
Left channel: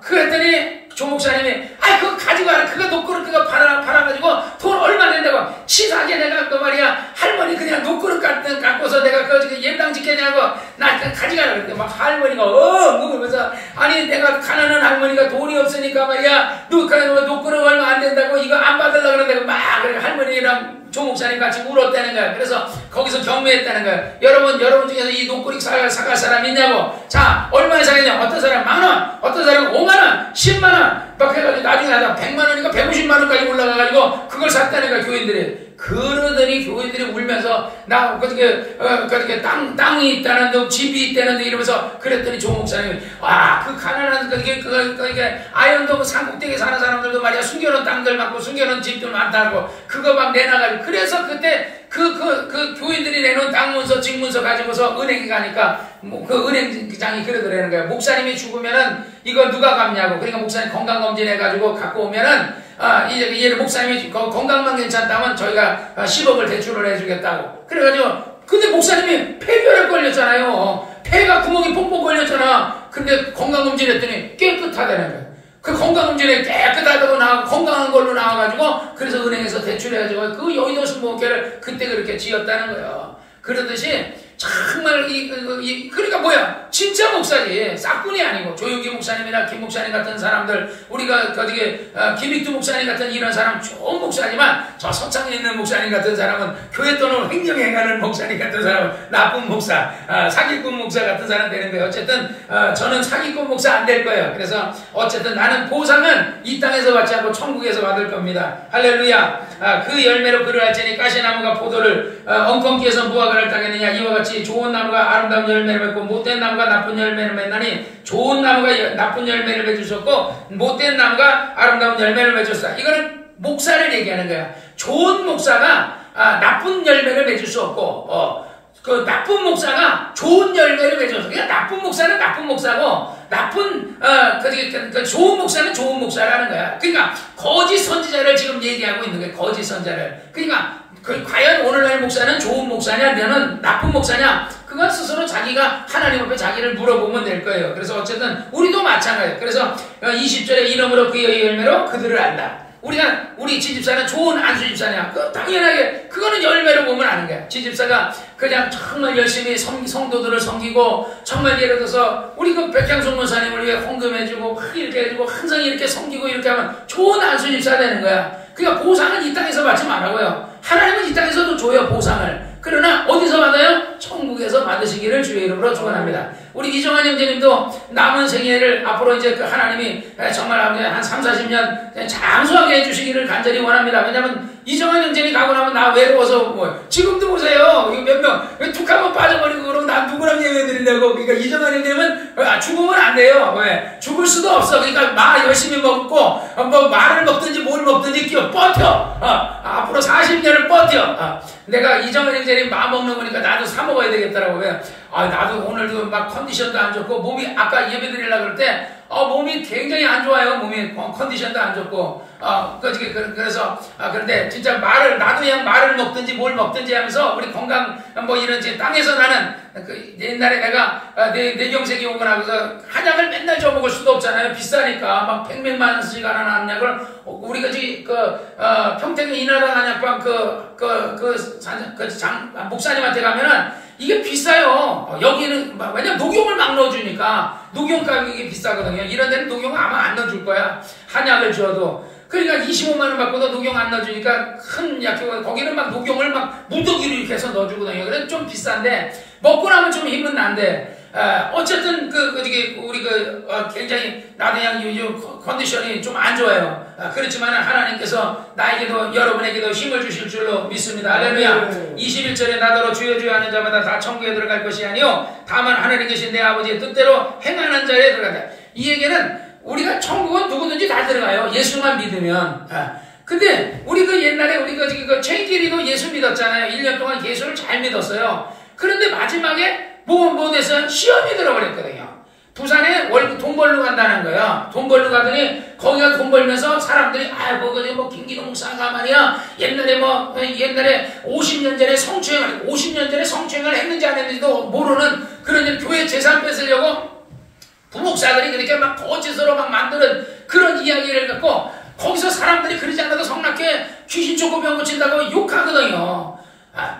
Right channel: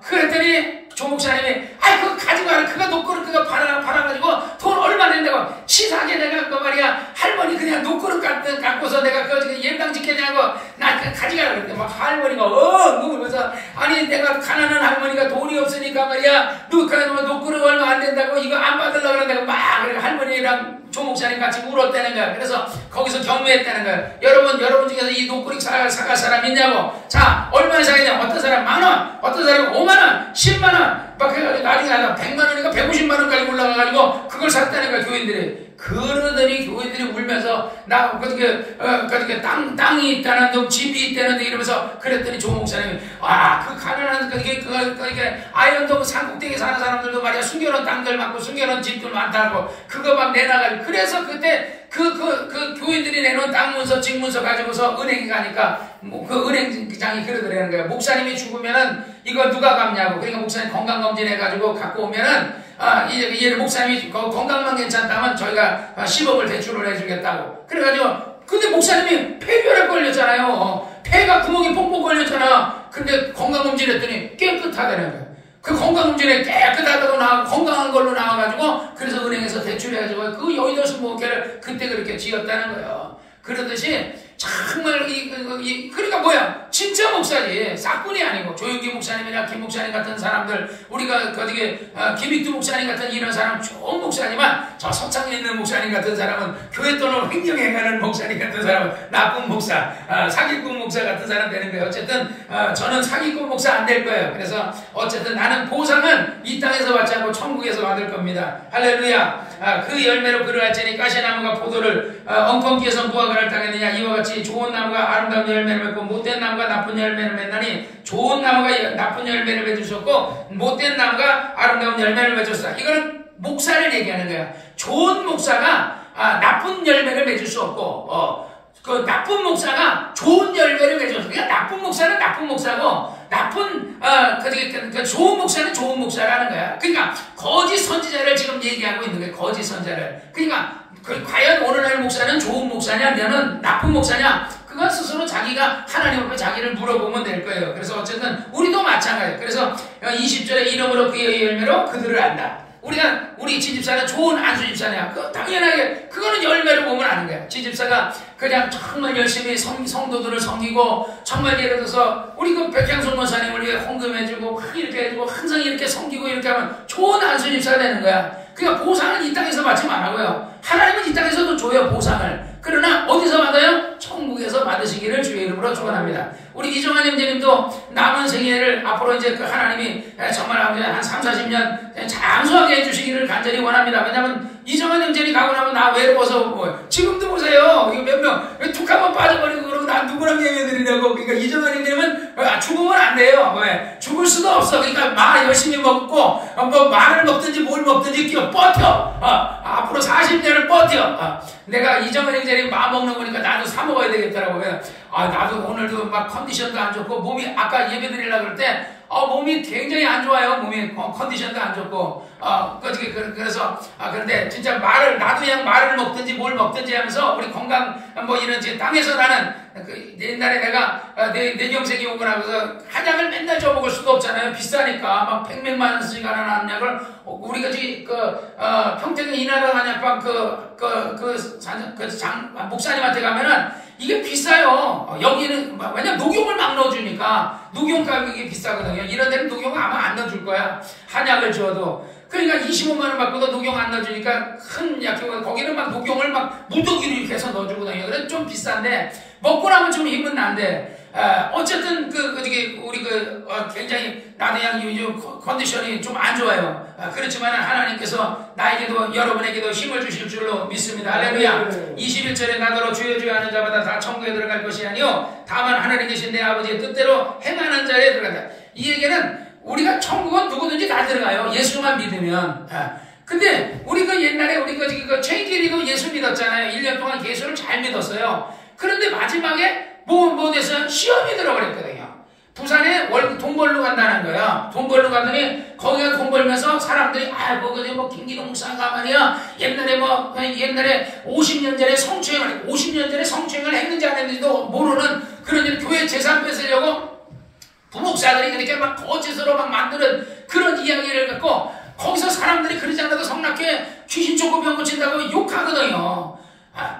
그랬더니 조 목사님이 그거 가져가라. 그거 녹그릇 그거 팔아가지고 돈 얼마 낸다고. 치사하게 내가 그 말이야 할머니 그냥 녹그릇 갖고서 내가 그 예배당 짓겠냐고 나 가져가라 그랬대. 막 할머니가 그러면서 아니 내가 가난한 할머니가 돈이 없으니까 말이야 녹그릇 얼마 안 된다고 이거 안 받으려고 그러는데 막 할머니랑 조 목사님 같이 울었다는 거야. 그래서 거기서 경매했다는 거야. 여러분 중에서 이 녹그릇 사갈 사람 있냐고. 자 얼마에 사겠냐. 어떤 사람 10,000원 어떤 사람 5만원 10만원 막 해가지고 나중에 하다 100만원인가 150만원까지 올라가가지고 그걸 샀다는 거야 교인들이. 그러더니 교인들이 울면서 나 그렇게 땅이 있다는데 집이 있다는데 이러면서 그랬더니 조 목사님이 그 가난한 그게 아현동 산꼭대기 사는 사람들도 말이야 숨겨놓은 땅들 많고 숨겨놓은 집들 많다고 그거 막 내놔가지고 그래서 그때 그 교인들이 내놓은 땅 문서 집 문서 가지고서 은행에 가니까 그 은행장이 그러더라는 거야. 목사님이 죽으면은 이거 누가 갚냐고. 그러니까 목사님 건강검진 해가지고 갖고 오면은 이제 목사님이 건강만 괜찮다면 저희가 10억을 대출을 해주겠다고. 그래가지고 근데 목사님이 폐결핵 걸렸잖아요. 폐가 구멍이 뽕뽕 걸렸잖아. 근데 건강검진 했더니 깨끗하다는 거야. 그 건강검진에 깨끗하다고 나오고 건강한 걸로 나와가지고 그래서 은행에서 대출해가지고 그 여의도 순복음교회를 그때 그렇게 지었다는 거예요. 그러듯이 정말 그러니까 뭐야 진짜 목사지 싹군이 아니고 조용기 목사님이나 김 목사님 같은 사람들 우리가 김익두 목사님 같은 이런 사람 좋은 목사지만 저 서창에 있는 목사님 같은 사람은 교회 돈을 횡령해가는 목사님 같은 사람은 나쁜 목사 사기꾼 목사 같은 사람 되는 거예요. 어쨌든 저는 사기꾼 목사 안 될 거예요. 그래서 어쨌든 나는 보상은 이 땅에서 받지 않고 천국에서 받을 겁니다. 할렐루야. 그 열매로 그를 알지니 가시나무가 포도 것들을 엉겅퀴에서 무화과를 따겠느냐. 이와 같이 좋은 나무가 아름다운 열매를 맺고 못된 나무가 나쁜 열매를 맺나니 좋은 나무가 나쁜 열매를 맺으셨고 못된 나무가 아름다운 열매를 맺었다. 이거는 목사를 얘기하는 거야. 좋은 목사가 나쁜 열매를 맺을 수 없고 그 나쁜 목사가 좋은 열매를 맺어서 그냥 나쁜 목사는 나쁜 목사고 좋은 목사는 좋은 목사라는 거야. 그러니까 거짓 선지자를 지금 얘기하고 있는 거야. 거짓 선지자를. 그러니까 과연 오늘날 목사는 좋은 목사냐, 너는 나쁜 목사냐? 그건 스스로 자기가 하나님 앞에 자기를 물어보면 될 거예요. 그래서 어쨌든 우리도 마찬가지예요. 그래서 20절에 이름으로 그의 열매로 그들을 안다. 우리 지집사는 좋은 안수집사냐? 당연하게, 그거는 열매로 보면 아는 거야. 지집사가 그냥 정말 열심히 성도들을 섬기고, 정말 예를 들어서, 우리 그 백향송 목사님을 위해 헌금해주고, 막 이렇게 해주고, 항상 이렇게 섬기고 이렇게 하면 좋은 안수집사 되는 거야. 그러니까 보상은 이 땅에서 받지 말라고요. 하나님은 이 땅에서도 줘요, 보상을. 그러나 어디서 받아요? 천국에서 받으시기를 주의 이름으로 축원합니다. 우리 이정환 형제님도 남은 생애를 앞으로 이제 그 하나님이 정말 한 3, 40년 장수하게 해주시기를 간절히 원합니다. 왜냐면 이정환 형제님 가고 나면 나 외로워서 지금도 보세요. 이거 몇 명, 왜 툭 한번 빠져버리고 그러고 난 누구랑 얘기해드리려고. 그러니까 이정환 형제님은 죽으면 안 돼요. 왜? 죽을 수도 없어. 그러니까 마 열심히 먹고, 말을 먹든지 뭘 먹든지 버텨. 앞으로 40년을 버텨. 내가 이정환 형제님 마 먹는 거니까 나도 사 먹어야 되겠더라고. 나도 오늘도 막 컨디션도 안 좋고, 몸이 아까 예배 드리려고 그럴 때, 몸이 굉장히 안 좋아요. 몸이 컨디션도 안 좋고, 그래서, 그런데 진짜 나도 그냥 말을 먹든지 뭘 먹든지 하면서 우리 건강, 이런, 땅에서 나는, 옛날에 내가, 내 경색이 오고 나서 한약을 맨날 줘먹을 수도 없잖아요. 비싸니까. 막 100몇만 원씩 하는 한약을, 우리가 평택 인하당 한약방 목사님한테 가면은 이게 비싸요. 여기는, 왜냐면 녹용을 막 넣어주니까, 녹용 가격이 비싸거든요. 이런 데는 녹용 아마 안 넣어줄 거야. 한약을 줘도. 그러니까 25만원 받고도 녹용 안 넣어주니까 큰 약효가, 거기는 막 녹용을 막 무더기로 이렇게 해서 넣어주거든요. 그래서 좀 비싼데, 먹고 나면 좀 힘은 난데, 어쨌든, 우리 굉장히, 나도 그냥 요즘 컨디션이 좀 안 좋아요. 그렇지만 하나님께서 나에게도, 여러분에게도 힘을 주실 줄로 믿습니다. 할렐루야. 21절에 나더러 주여 주여 하는 자마다 다 천국에 들어갈 것이 아니요 다만 하나님 계신 내 아버지의 뜻대로 행하는 자에 들어간다. 이 얘기는 우리가 천국은 누구든지 다 들어가요. 예수만 믿으면. 근데 우리 옛날에 최인길이도 예수 믿었잖아요. 1년 동안 예수를 잘 믿었어요. 그런데 마지막에 뭐 돼서 시험이 들어버렸거든요. 부산에 돈 벌러 간다는 거야. 돈 벌러 가더니 거기가 돈 벌면서 사람들이 김기동 목사가 말이야. 옛날에 50년 전에 성추행을 했는지 안 했는지도 모르는 그런 교회 재산 뺏으려고 부목사들이 그렇게 막 거짓으로 막 만드는 그런 이야기를 갖고 거기서 사람들이 그러지 않아도 성낙교회 귀신 쫓고 병 고친다고 욕하거든요.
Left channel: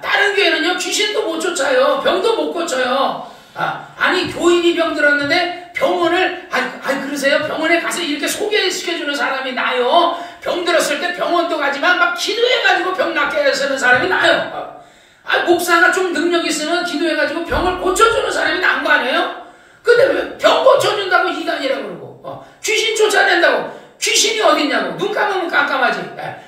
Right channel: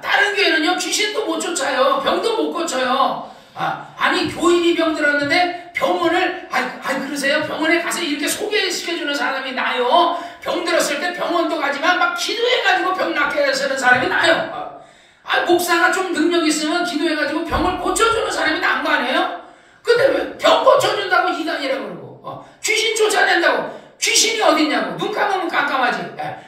다른 교회는요, 귀신도 못 쫓아요. 병도 못 고쳐요. 아니, 교인이 병 들었는데 병원을, 그러세요? 병원에 가서 이렇게 소개시켜주는 사람이 나요. 병 들었을 때 병원도 가지만 막 기도해가지고 병 낫게 하시는 사람이 나요. 목사가 좀 능력 있으면 기도해가지고 병을 고쳐주는 사람이 난 거 아니에요? 근데 왜 병 고쳐준다고 이단이라고 그러고, 귀신 쫓아낸다고. 귀신이 어딨냐고. 눈 감으면 깜깜하지.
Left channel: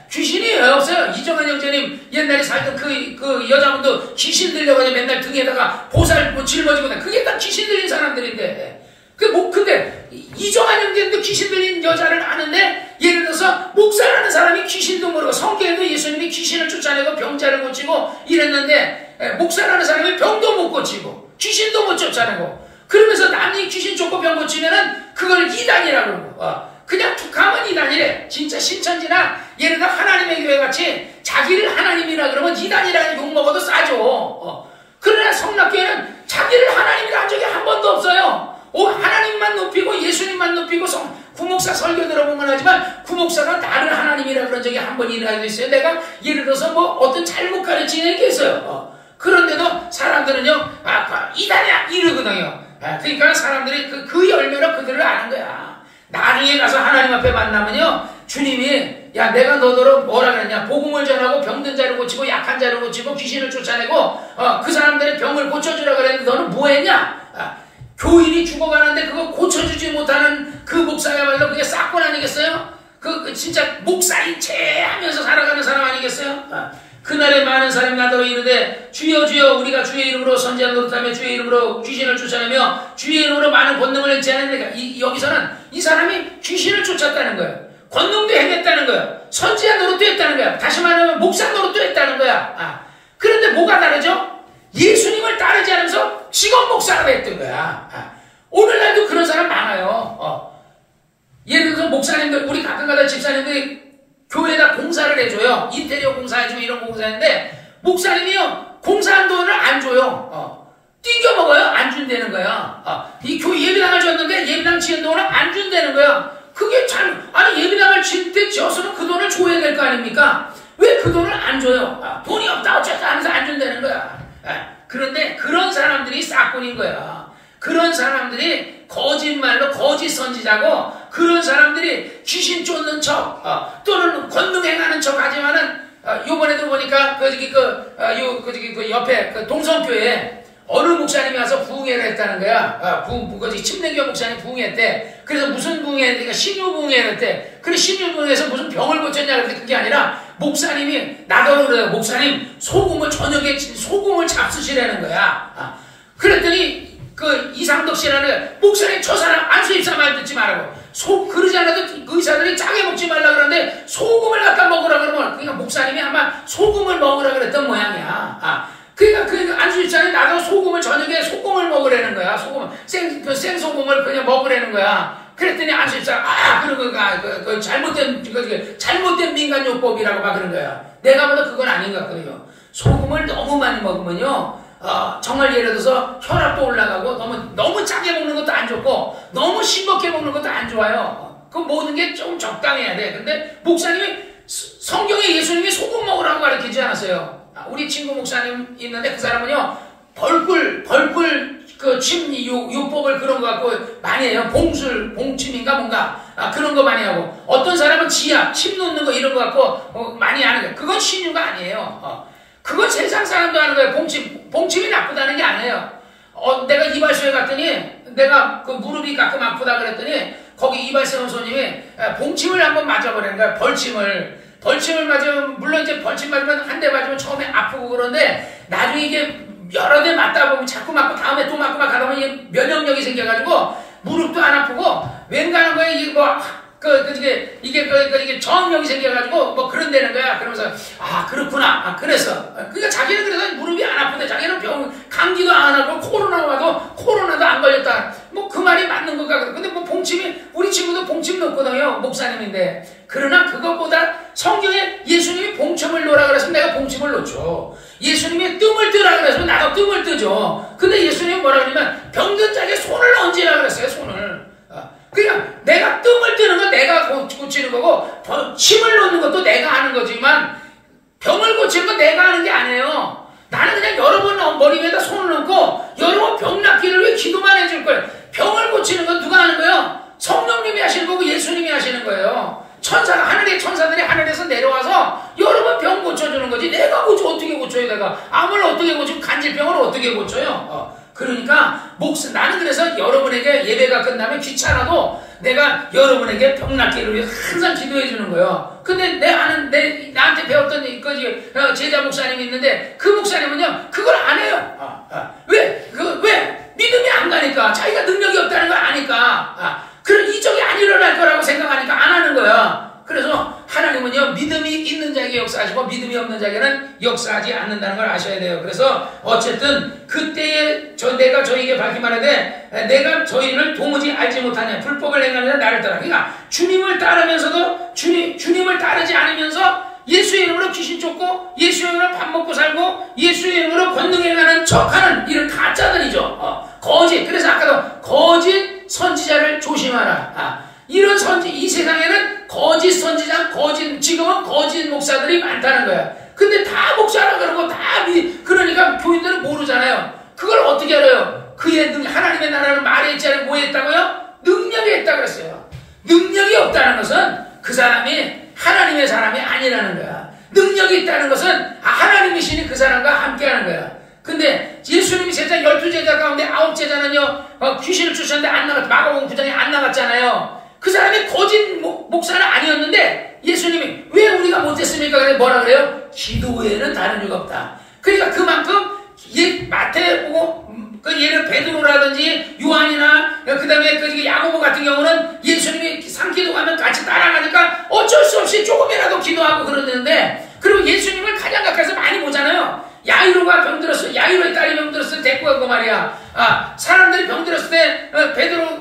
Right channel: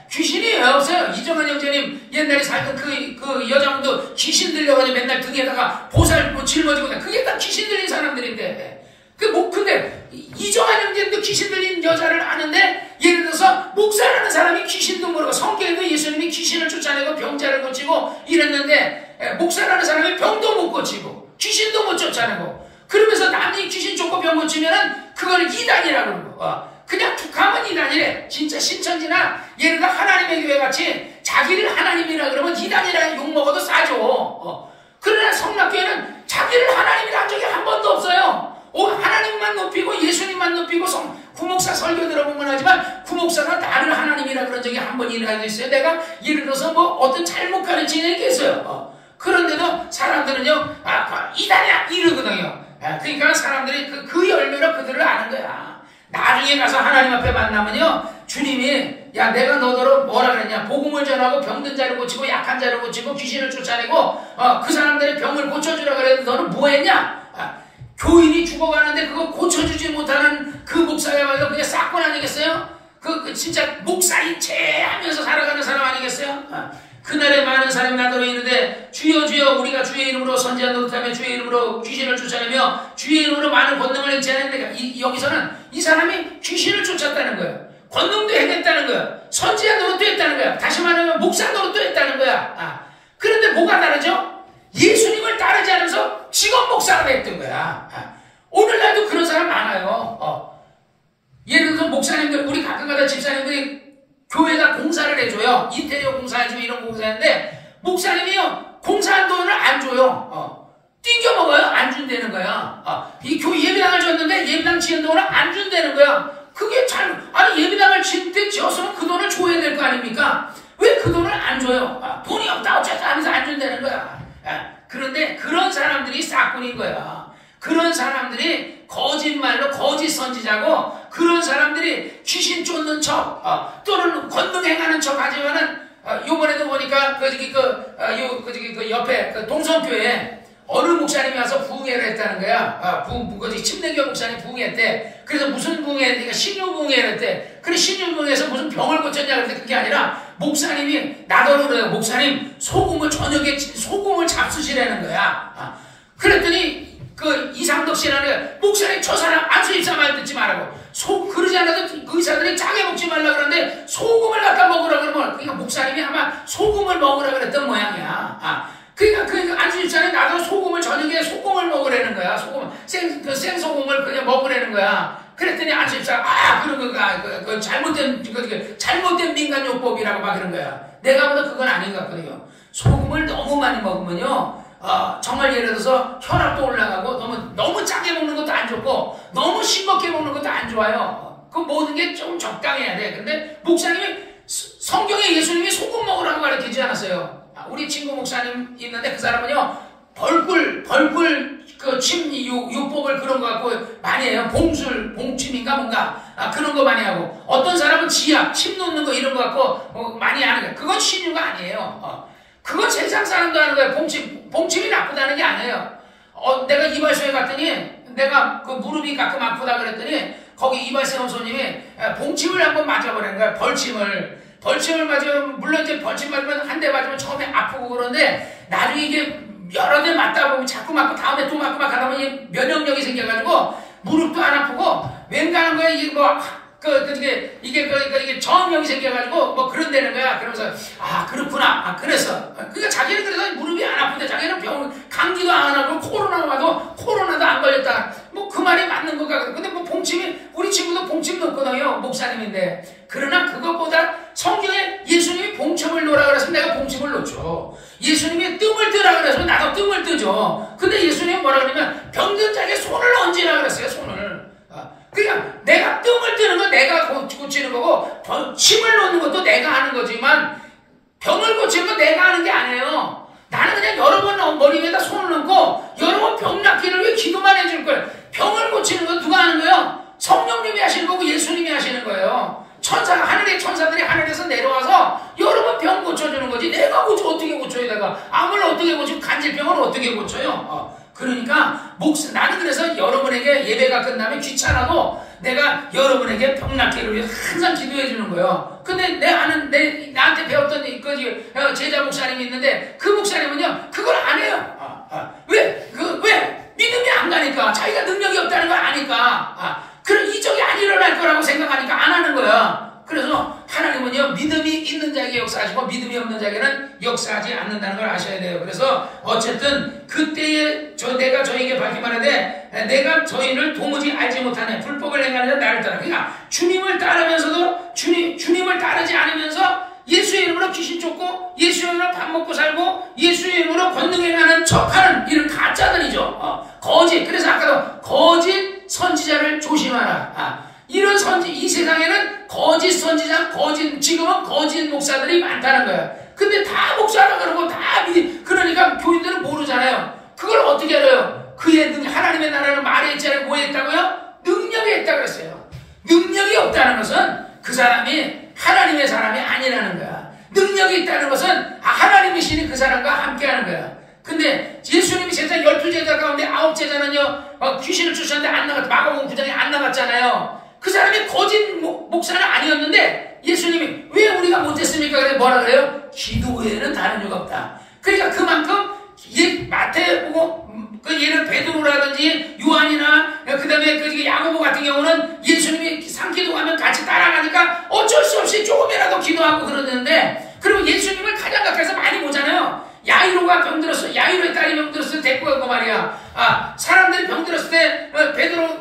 귀신이 왜 없어요? 이정환 형제님 옛날에 살던 그 여자분도 귀신 들려가지고 맨날 등에다가 보살 짊어지고 그게 다 귀신 들린 사람들인데. 근데 이정환 형제님도 귀신 들린 여자를 아는데 예를 들어서 목사라는 사람이 귀신도 모르고 성경에도 예수님이 귀신을 쫓아내고 병자를 고치고 이랬는데 목사라는 사람이 병도 못 고치고 귀신도 못 쫓아내고 그러면서 남이 귀신 쫓고 병 고치면은 그거를 이단이라고 그러고 그냥 툭하면 이단이래. 진짜 신천지나 예를 들어 하나님의 교회같이 자기를 하나님이라 그러면 이단이라는 욕먹어도 싸죠. 그러나 성락교회는 자기를 하나님이라 한 적이 한 번도 없어요. 하나님만 높이고 예수님만 높이고 구목사 설교 들어보면 하지만 구목사가 나를 하나님이라 그런 적이 한 번이라도 있어요. 내가 예를 들어서 어떤 잘못 가르치는 게 있어요. 그런데도 사람들은요 이단이야 이러거든요. 그러니까 사람들이 그 열매로 그들을 아는 거야. 나중에 가서 하나님 앞에 만나면요 주님이 야 내가 너더러 뭐라 그랬냐 복음을 전하고 병든 자를 고치고 약한 자를 고치고 귀신을 쫓아내고 그 사람들의 병을 고쳐주라 그랬는데 너는 뭐 했냐? 교인이 죽어가는데 그거 고쳐주지 못하는 그 목사야말로 그게 싹군 아니겠어요? 진짜 목사인 체 하면서 살아가는 사람 아니겠어요? 그날에 많은 사람이 나더러 주여 주여 우리가 주의 이름으로 선지자 노릇하며 주의 이름으로 귀신을 쫓아내며 주의 이름으로 많은 권능을 행치 않으니까 여기서는 이 사람이 귀신을 쫓았다는 거예요. 권능도 행했다는 거예요. 선지자 노릇도 했다는 거야. 다시 말하면 목사 노릇도 했다는 거야. 그런데 뭐가 다르죠? 예수님을 따르지 않으면서 직업 목사가 됐던 거야. 오늘날도 그런 사람 많아요. 예를 들어서 목사님들, 우리 가끔가다 집사님들이 교회에다 공사를 해줘요. 인테리어 공사해주고 이런 공사인데 목사님이요 공사한 돈을 안 줘요. 띵겨 먹어요. 안 준다는 거야. 이 교회 예배당을 줬는데 예배당 지은 돈을 안 준다는 거야. 그게 참, 아니 예배당을 지을 때 지었으면 그 돈을 줘야 될 거 아닙니까? 왜 그 돈을 안 줘요? 돈이 없다 어쨌든 하면서 안 준다는 거야. 그런데 그런 사람들이 싹군인 거야. 그런 사람들이 거짓말로 거짓 선지자고, 그런 사람들이 귀신 쫓는 척 또는 권능 행하는 척 하지만은 요번에도 보니까 그 옆에 그 동성교회에 어느 목사님이 와서 부흥회를 했다는 거야. 침례교 목사님 부흥회했대. 그래서 무슨 부흥회니까 신유부흥회를 했대. 그래 신유부흥회에서 무슨 병을 고쳤냐 그랬는데 그게 아니라 목사님이 나더러 그래요. 목사님 소금을 저녁에 소금을 잡수시라는 거야. 그랬더니 그 이상덕 씨라는 목사님 저 사람 안수입사 말 듣지 말라고. 그러지 않아도 의사들이 짜게 먹지 말라 그러는데 소금을 갖다 먹으라 그러면, 그러니까 목사님이 아마 소금을 먹으라 그랬던 모양이야. 그러니까 안수입사는 나도 소금을 저녁에 소금을 먹으라는 거야. 소금 생소금을 그냥 먹으라는 거야. 그랬더니 안수입사가 그런 거 잘못된 민간요법이라고 막 그런 거야. 내가 보다 그건 아닌 것 같거든요. 소금을 너무 많이 먹으면요. 정말 예를 들어서 혈압도 올라가고, 너무 짜게 먹는 것도 안 좋고, 너무 싱겁게 먹는 것도 안 좋아요. 그 모든 게 좀 적당해야 돼. 근데 목사님이 성경에 예수님이 소금 먹으라고 가르치지 않았어요. 우리 친구 목사님 있는데 그 사람은요, 벌꿀 침 요법을 그런 거 갖고 많이 해요. 봉침인가 뭔가 그런 거 많이 하고, 어떤 사람은 지압, 침 놓는 거 이런 거 갖고 많이 하는 거예요. 그건 신유가 아니에요. 그건 세상 사람도 하는 거예요. 봉침이 나쁘다는 게 아니에요. 내가 이발소에 갔더니, 내가 그 무릎이 가끔 아프다 그랬더니, 거기 이발소 손님이 봉침을 한번 맞아보라는 거야. 벌침을 맞으면, 물론 이제 벌침 맞으면 한 대 맞으면 처음에 아프고 그런데, 나중에 이게 여러 대 맞다 보면 자꾸 맞고 다음에 또 맞고 막 하다 보면 이게 면역력이 생겨가지고, 무릎도 안 아프고, 웬간한 거에 이게 이게 저항력이 생겨가지고 뭐 그런다는 거야. 그러면서 그렇구나. 그래서 그러니까 자기는 그래서 무릎이 안 아픈데 자기는 감기도 안 하고 코로나 와도 코로나도 안 걸렸다. 뭐 그 말이 맞는 것 같거든. 근데 뭐 봉침이, 우리 친구도 봉침 넣거든요. 목사님인데. 그러나 그것보다 성경에 예수님이 봉침을 놓으라 그래서 내가 봉침을 놓죠. 예수님이 뜸을 뜨라 그래서 나도 뜸을 뜨죠. 근데 예수님이 뭐라 그러냐면 병든 자에게 손을 얹으라 그랬어요. 손을. 그러니까 내가 뜸을 뜨는 건 내가 고치는 거고, 침을 놓는 것도 내가 하는 거지만 병을 고치는 건 내가 하는 게 아니에요. 나는 그냥 여러 번 머리 위에다 손을 얹고 여러 번 병 낫기를 위해 기도만 해줄 거예요. 병을 고치는 건 누가 하는 거예요? 성령님이 하시는 거고 예수님이 하시는 거예요. 하늘의 천사들이 하늘에서 내려와서 여러 번 병 고쳐주는 거지. 내가 어떻게 고쳐요? 내가 암을 어떻게 고치고 간질병을 어떻게 고쳐요? 그러니까 나는 그래서 여러분에게 예배가 끝나면 귀찮아도 내가 여러분에게 병 낫기를 위해 항상 기도해 주는 거예요. 근데 나한테 배웠던 그 제자 목사님이 있는데 그 목사님은요 그걸 안 해요. 왜? 믿음이 안 가니까, 자기가 능력이 없다는 걸 아니까, 그런 이적이 안 일어날 거라고 생각하니까 안 하는 거야. 그래서 하나님은요 믿음이 있는 자에게 역사하시고 믿음이 없는 자에게는 역사하지 않는다는 걸 아셔야 돼요. 그래서 어쨌든 그때에 내가 저에게 밝히 말하되 내가 저희를 도무지 알지 못하냐, 불법을 행하는 나를 따라. 그러니까 주님을 따르면서도 주님을 따르지 않으면서 예수의 이름으로 귀신 쫓고 예수의 이름으로 밥 먹고 살고 예수의 이름으로 권능 행하는 척하는 이런 가짜들이죠. 거짓. 그래서 아까도 거짓 선지자를 조심하라. 이런 이 세상에는 거짓 선지자, 지금은 거짓 목사들이 많다는 거야. 근데 다 목사라 그러고 그러니까 교인들은 모르잖아요. 그걸 어떻게 알아요? 하나님의 나라는 말에 있잖아요. 뭐에 있다고요? 능력이 있다고 그랬어요. 능력이 없다는 것은 그 사람이 하나님의 사람이 아니라는 거야. 능력이 있다는 것은 하나님이시니 그 사람과 함께하는 거야. 근데 예수님이 제자 12제자 가운데 9제자는요 귀신을 쫓았는데 안 나갔, 마가복음 9장에 안 나갔잖아요. 그 사람이 거짓 목사는 아니었는데 예수님이 왜 우리가 못했습니까? 그래 뭐라 그래요? 기도 외에는 다른 이유가 없다. 그러니까 그만큼 이 마태복음 그 예를 베드로라든지 요한이나 그다음에 그 야고보 같은 경우는 예수님이 산기도하면 같이 따라가니까 어쩔 수 없이 조금이라도 기도하고 그러는데, 그리고 예수님을 가장 가까이서 많이 보잖아요. 야이로가 병들었어. 야이로의 딸이 병들었을 때 데리고 가고 말이야. 사람들이 병들었을 때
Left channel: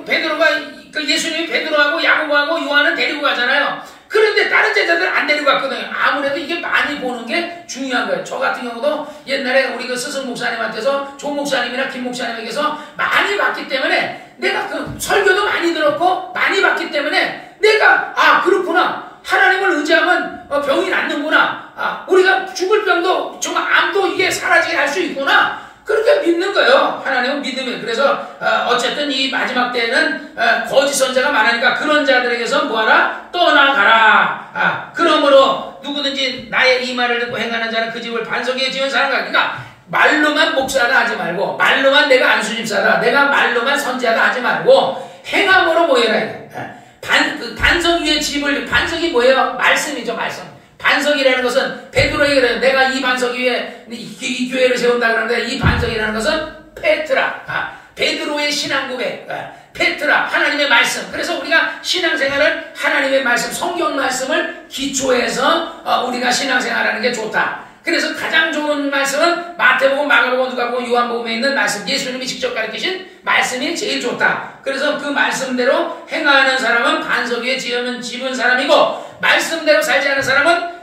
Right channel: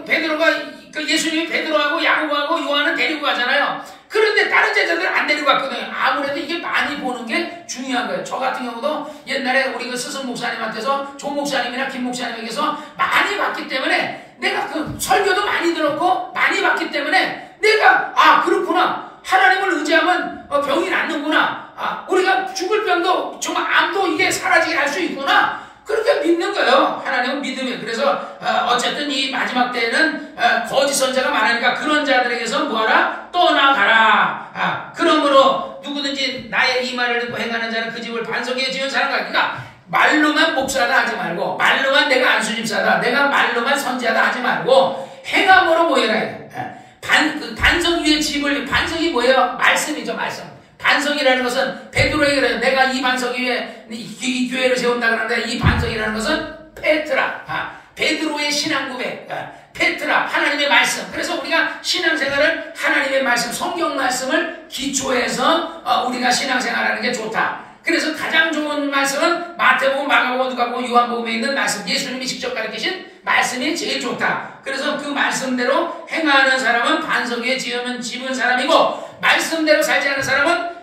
베드로가 그 예수님이 베드로하고 야고보하고 요한은 데리고 가잖아요. 그런데 다른 제자들 안 데리고 갔거든요. 아무래도 이게 많이 보는 게 중요한 거예요. 저 같은 경우도 옛날에 우리 그 스승 목사님한테서 조 목사님이나 김 목사님에게서 많이 봤기 때문에, 내가 그 설교도 많이 들었고 많이 봤기 때문에 내가 그렇구나. 하나님을 의지하면 병이 낫는구나. 우리가 죽을 병도 정말 암도 이게 사라지게 할 수 있구나. 그렇게 믿는 거예요. 하나님은 믿음이에요. 그래서 어쨌든 이 마지막 때에는 거짓 선자가 많으니까 그런 자들에게서 뭐하라? 떠나가라. 그러므로 누구든지 나의 이 말을 듣고 행하는 자는 그 집을 반석에 지은 사람과, 그러니까 말로만 목사다 하지 말고, 말로만 내가 안수집사다, 내가 말로만 선지하다 하지 말고 행함으로 모여라. 반석 위에 집을, 반석이 뭐예요? 말씀이죠. 말씀. 반석이라는 것은 베드로에게 그래요. 내가 이 반석 위에 이 교회를 세운다 그러는데, 이 반석이라는 것은 페트라, 베드로의 신앙 고백, 페트라, 하나님의 말씀. 그래서 우리가 신앙생활을 하나님의 말씀, 성경 말씀을 기초해서 우리가 신앙생활하는 게 좋다. 그래서 가장 좋은 말씀은 마태복음, 마가복음, 누가복음, 요한복음에 있는 말씀, 예수님이 직접 가르치신 말씀이 제일 좋다. 그래서 그 말씀대로 행하는 사람은 반석 위에 집은 사람이고, 말씀대로 살지 않는 사람은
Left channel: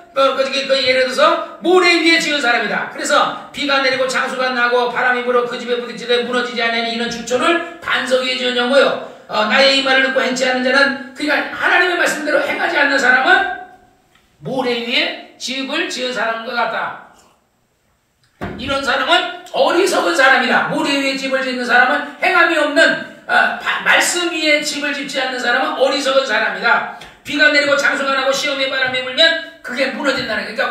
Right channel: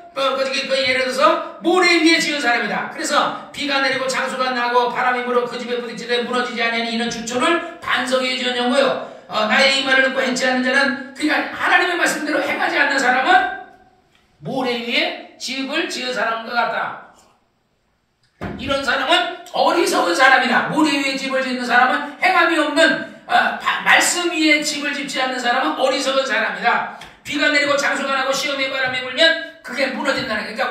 예를 들어서 모래 위에 지은 사람이다. 그래서 비가 내리고 장수가 나고 바람이 불어 그 집에 부딪히되 무너지지 않는 이는 주초를 반석 위에 지었냐고요. 나의 이 말을 듣고 행치 않는 자는, 그러니까 하나님의 말씀대로 행하지 않는 사람은 모래 위에 집을 지은 사람과 같다. 이런 사람은 어리석은 사람이다. 모래 위에 집을 짓는 사람은, 행함이 없는 말씀 위에 집을 짓지 않는 사람은 어리석은 사람이다. 비가 내리고 장수가 나고 시험의 바람이 불면 그게 무너진다는. 그러니까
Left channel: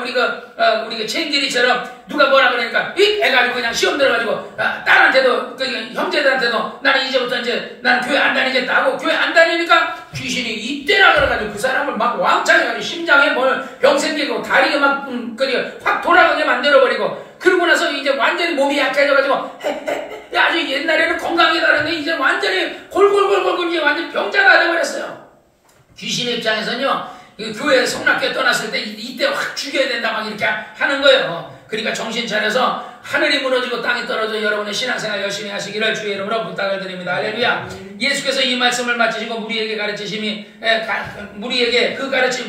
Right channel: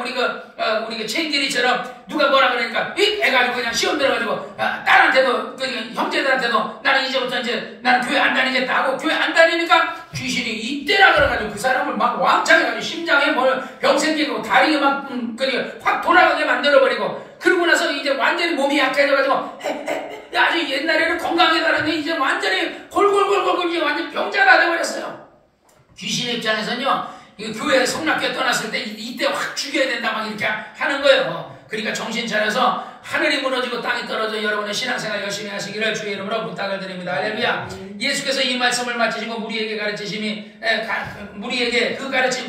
우리가 체인지리처럼 누가 뭐라 그러니까 애가지고 그냥 시험 들어가지고 딸한테도 형제들한테도 나는 이제부터 나는 교회 안 다니겠다 하고, 교회 안 다니니까 귀신이 이때라 그래가지고 그 사람을 막 왕창 해가지고 심장에 병 생기고 다리가 막 확 돌아가게 만들어버리고, 그러고 나서 이제 완전히 몸이 약해져가지고 아주 옛날에는 건강하다는데 이제 완전히 골골골골 이제 완전 병자가 돼버렸어요. 귀신의 입장에서는요, 교회 성락교회 떠났을 때 이때 확 죽여야 된다 막 이렇게 하는 거예요. 그러니까 정신 차려서 하늘이 무너지고 땅이 떨어져 여러분의 신앙생활 열심히 하시기를 주의 이름으로 부탁을 드립니다. 할렐루야. 예수께서 이 말씀을 마치시고 무리에게 가르치심이, 무리에게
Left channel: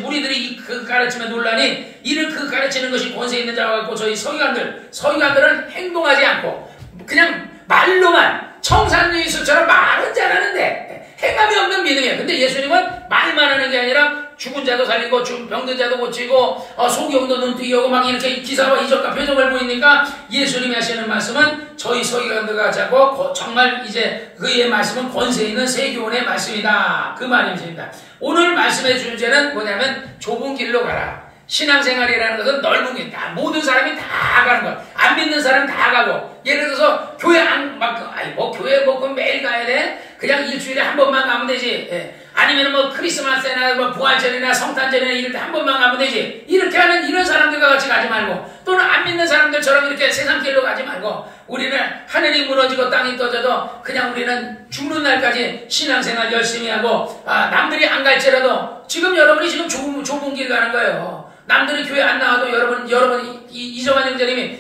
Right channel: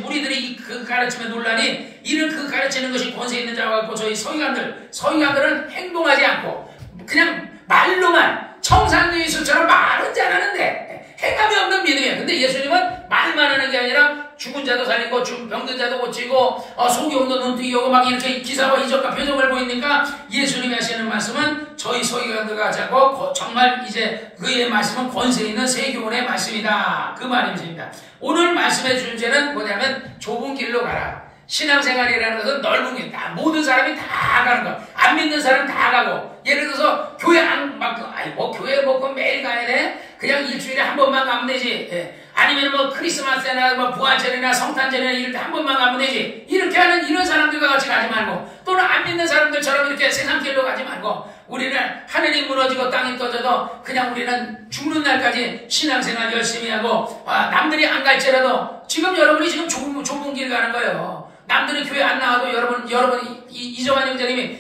무리들이 그 가르침에 놀라니 이를 그 가르치는 것이 권세 있는 자와 같고, 저희 서기관들은 행동하지 않고 그냥 말로만 청산유수처럼 말은 잘하는데 행함이 없는 믿음이에요. 근데 예수님은 말만 하는 게 아니라 죽은 자도 살리고 병든 자도 고치고 소경도 눈뜨이고 막 이렇게 기사와 이적과 표적을 보이니까, 예수님이 하시는 말씀은 저희 서기관들과 같이 하고 정말 이제 그의 말씀은 권세 있는 세교원의 말씀이다. 그 말입니다. 오늘 말씀의 주제는 뭐냐면 좁은 길로 가라. 신앙생활이라는 것은 넓은 길, 모든 사람이 다 가는 거야. 안 믿는 사람 다 가고, 예를 들어서 교회 교회 매일 가야 돼? 그냥 일주일에 한 번만 가면 되지. 아니면 크리스마스나 부활절이나 성탄절이나 이럴 때 한 번만 가면 되지. 이렇게 하는 이런 사람들과 같이 가지 말고, 또는 안 믿는 사람들처럼 이렇게 세상길로 가지 말고, 우리는 하늘이 무너지고 땅이 떠져도 그냥 우리는 죽는 날까지 신앙생활 열심히 하고, 남들이 안 갈지라도 여러분이 지금 좁은 길 가는 거예요. 남들이 교회 안 나와도 여러분 이정환 형제님이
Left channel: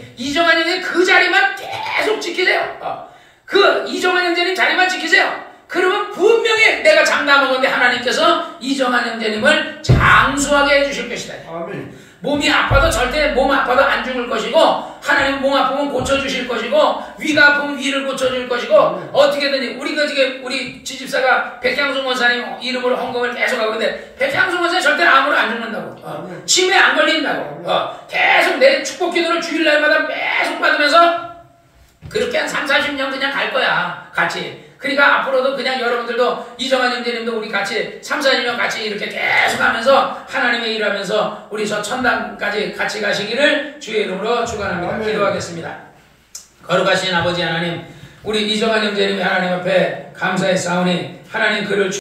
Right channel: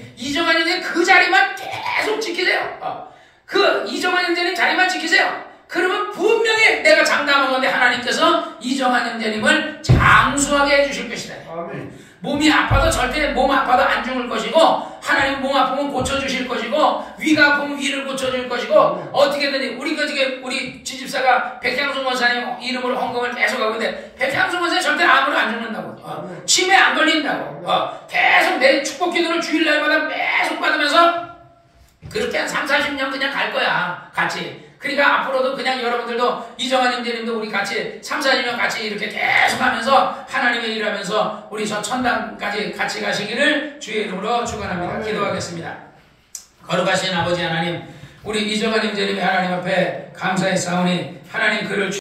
그 자리만 계속 지키세요. 그 이정환 형제님 자리만 지키세요. 그러면 분명히 내가 장담하건대 하나님께서 이정환 형제님을 장수하게 해주실 것이다. 아멘. 몸이 아파도 절대 몸 아파도 안 죽을 것이고, 하나님 몸 아프면 고쳐주실 것이고, 위가 아프면 위를 고쳐줄 것이고, 어떻게든지 우리 지집사가 백향수 원사님 이름으로 헌금을 계속 하고 있는데, 백향수 원사님 절대 암으로 안 죽는다고, 치매 안 걸린다고, 계속 내 축복 기도를 주일날마다 계속 받으면서 그렇게 한 30-40년 그냥 갈 거야, 같이. 그러니까 앞으로도 그냥 여러분들도 이정환 형제님도 우리 같이 3-4년 같이 이렇게 계속 하면서 하나님의 일하면서 우리 저 천당까지 같이 가시기를 주의 이름으로 축원합니다. 기도하겠습니다. 거룩하신 아버지 하나님, 우리 이정환 형제님이 하나님 앞에 감사의 싸우니 하나님 그를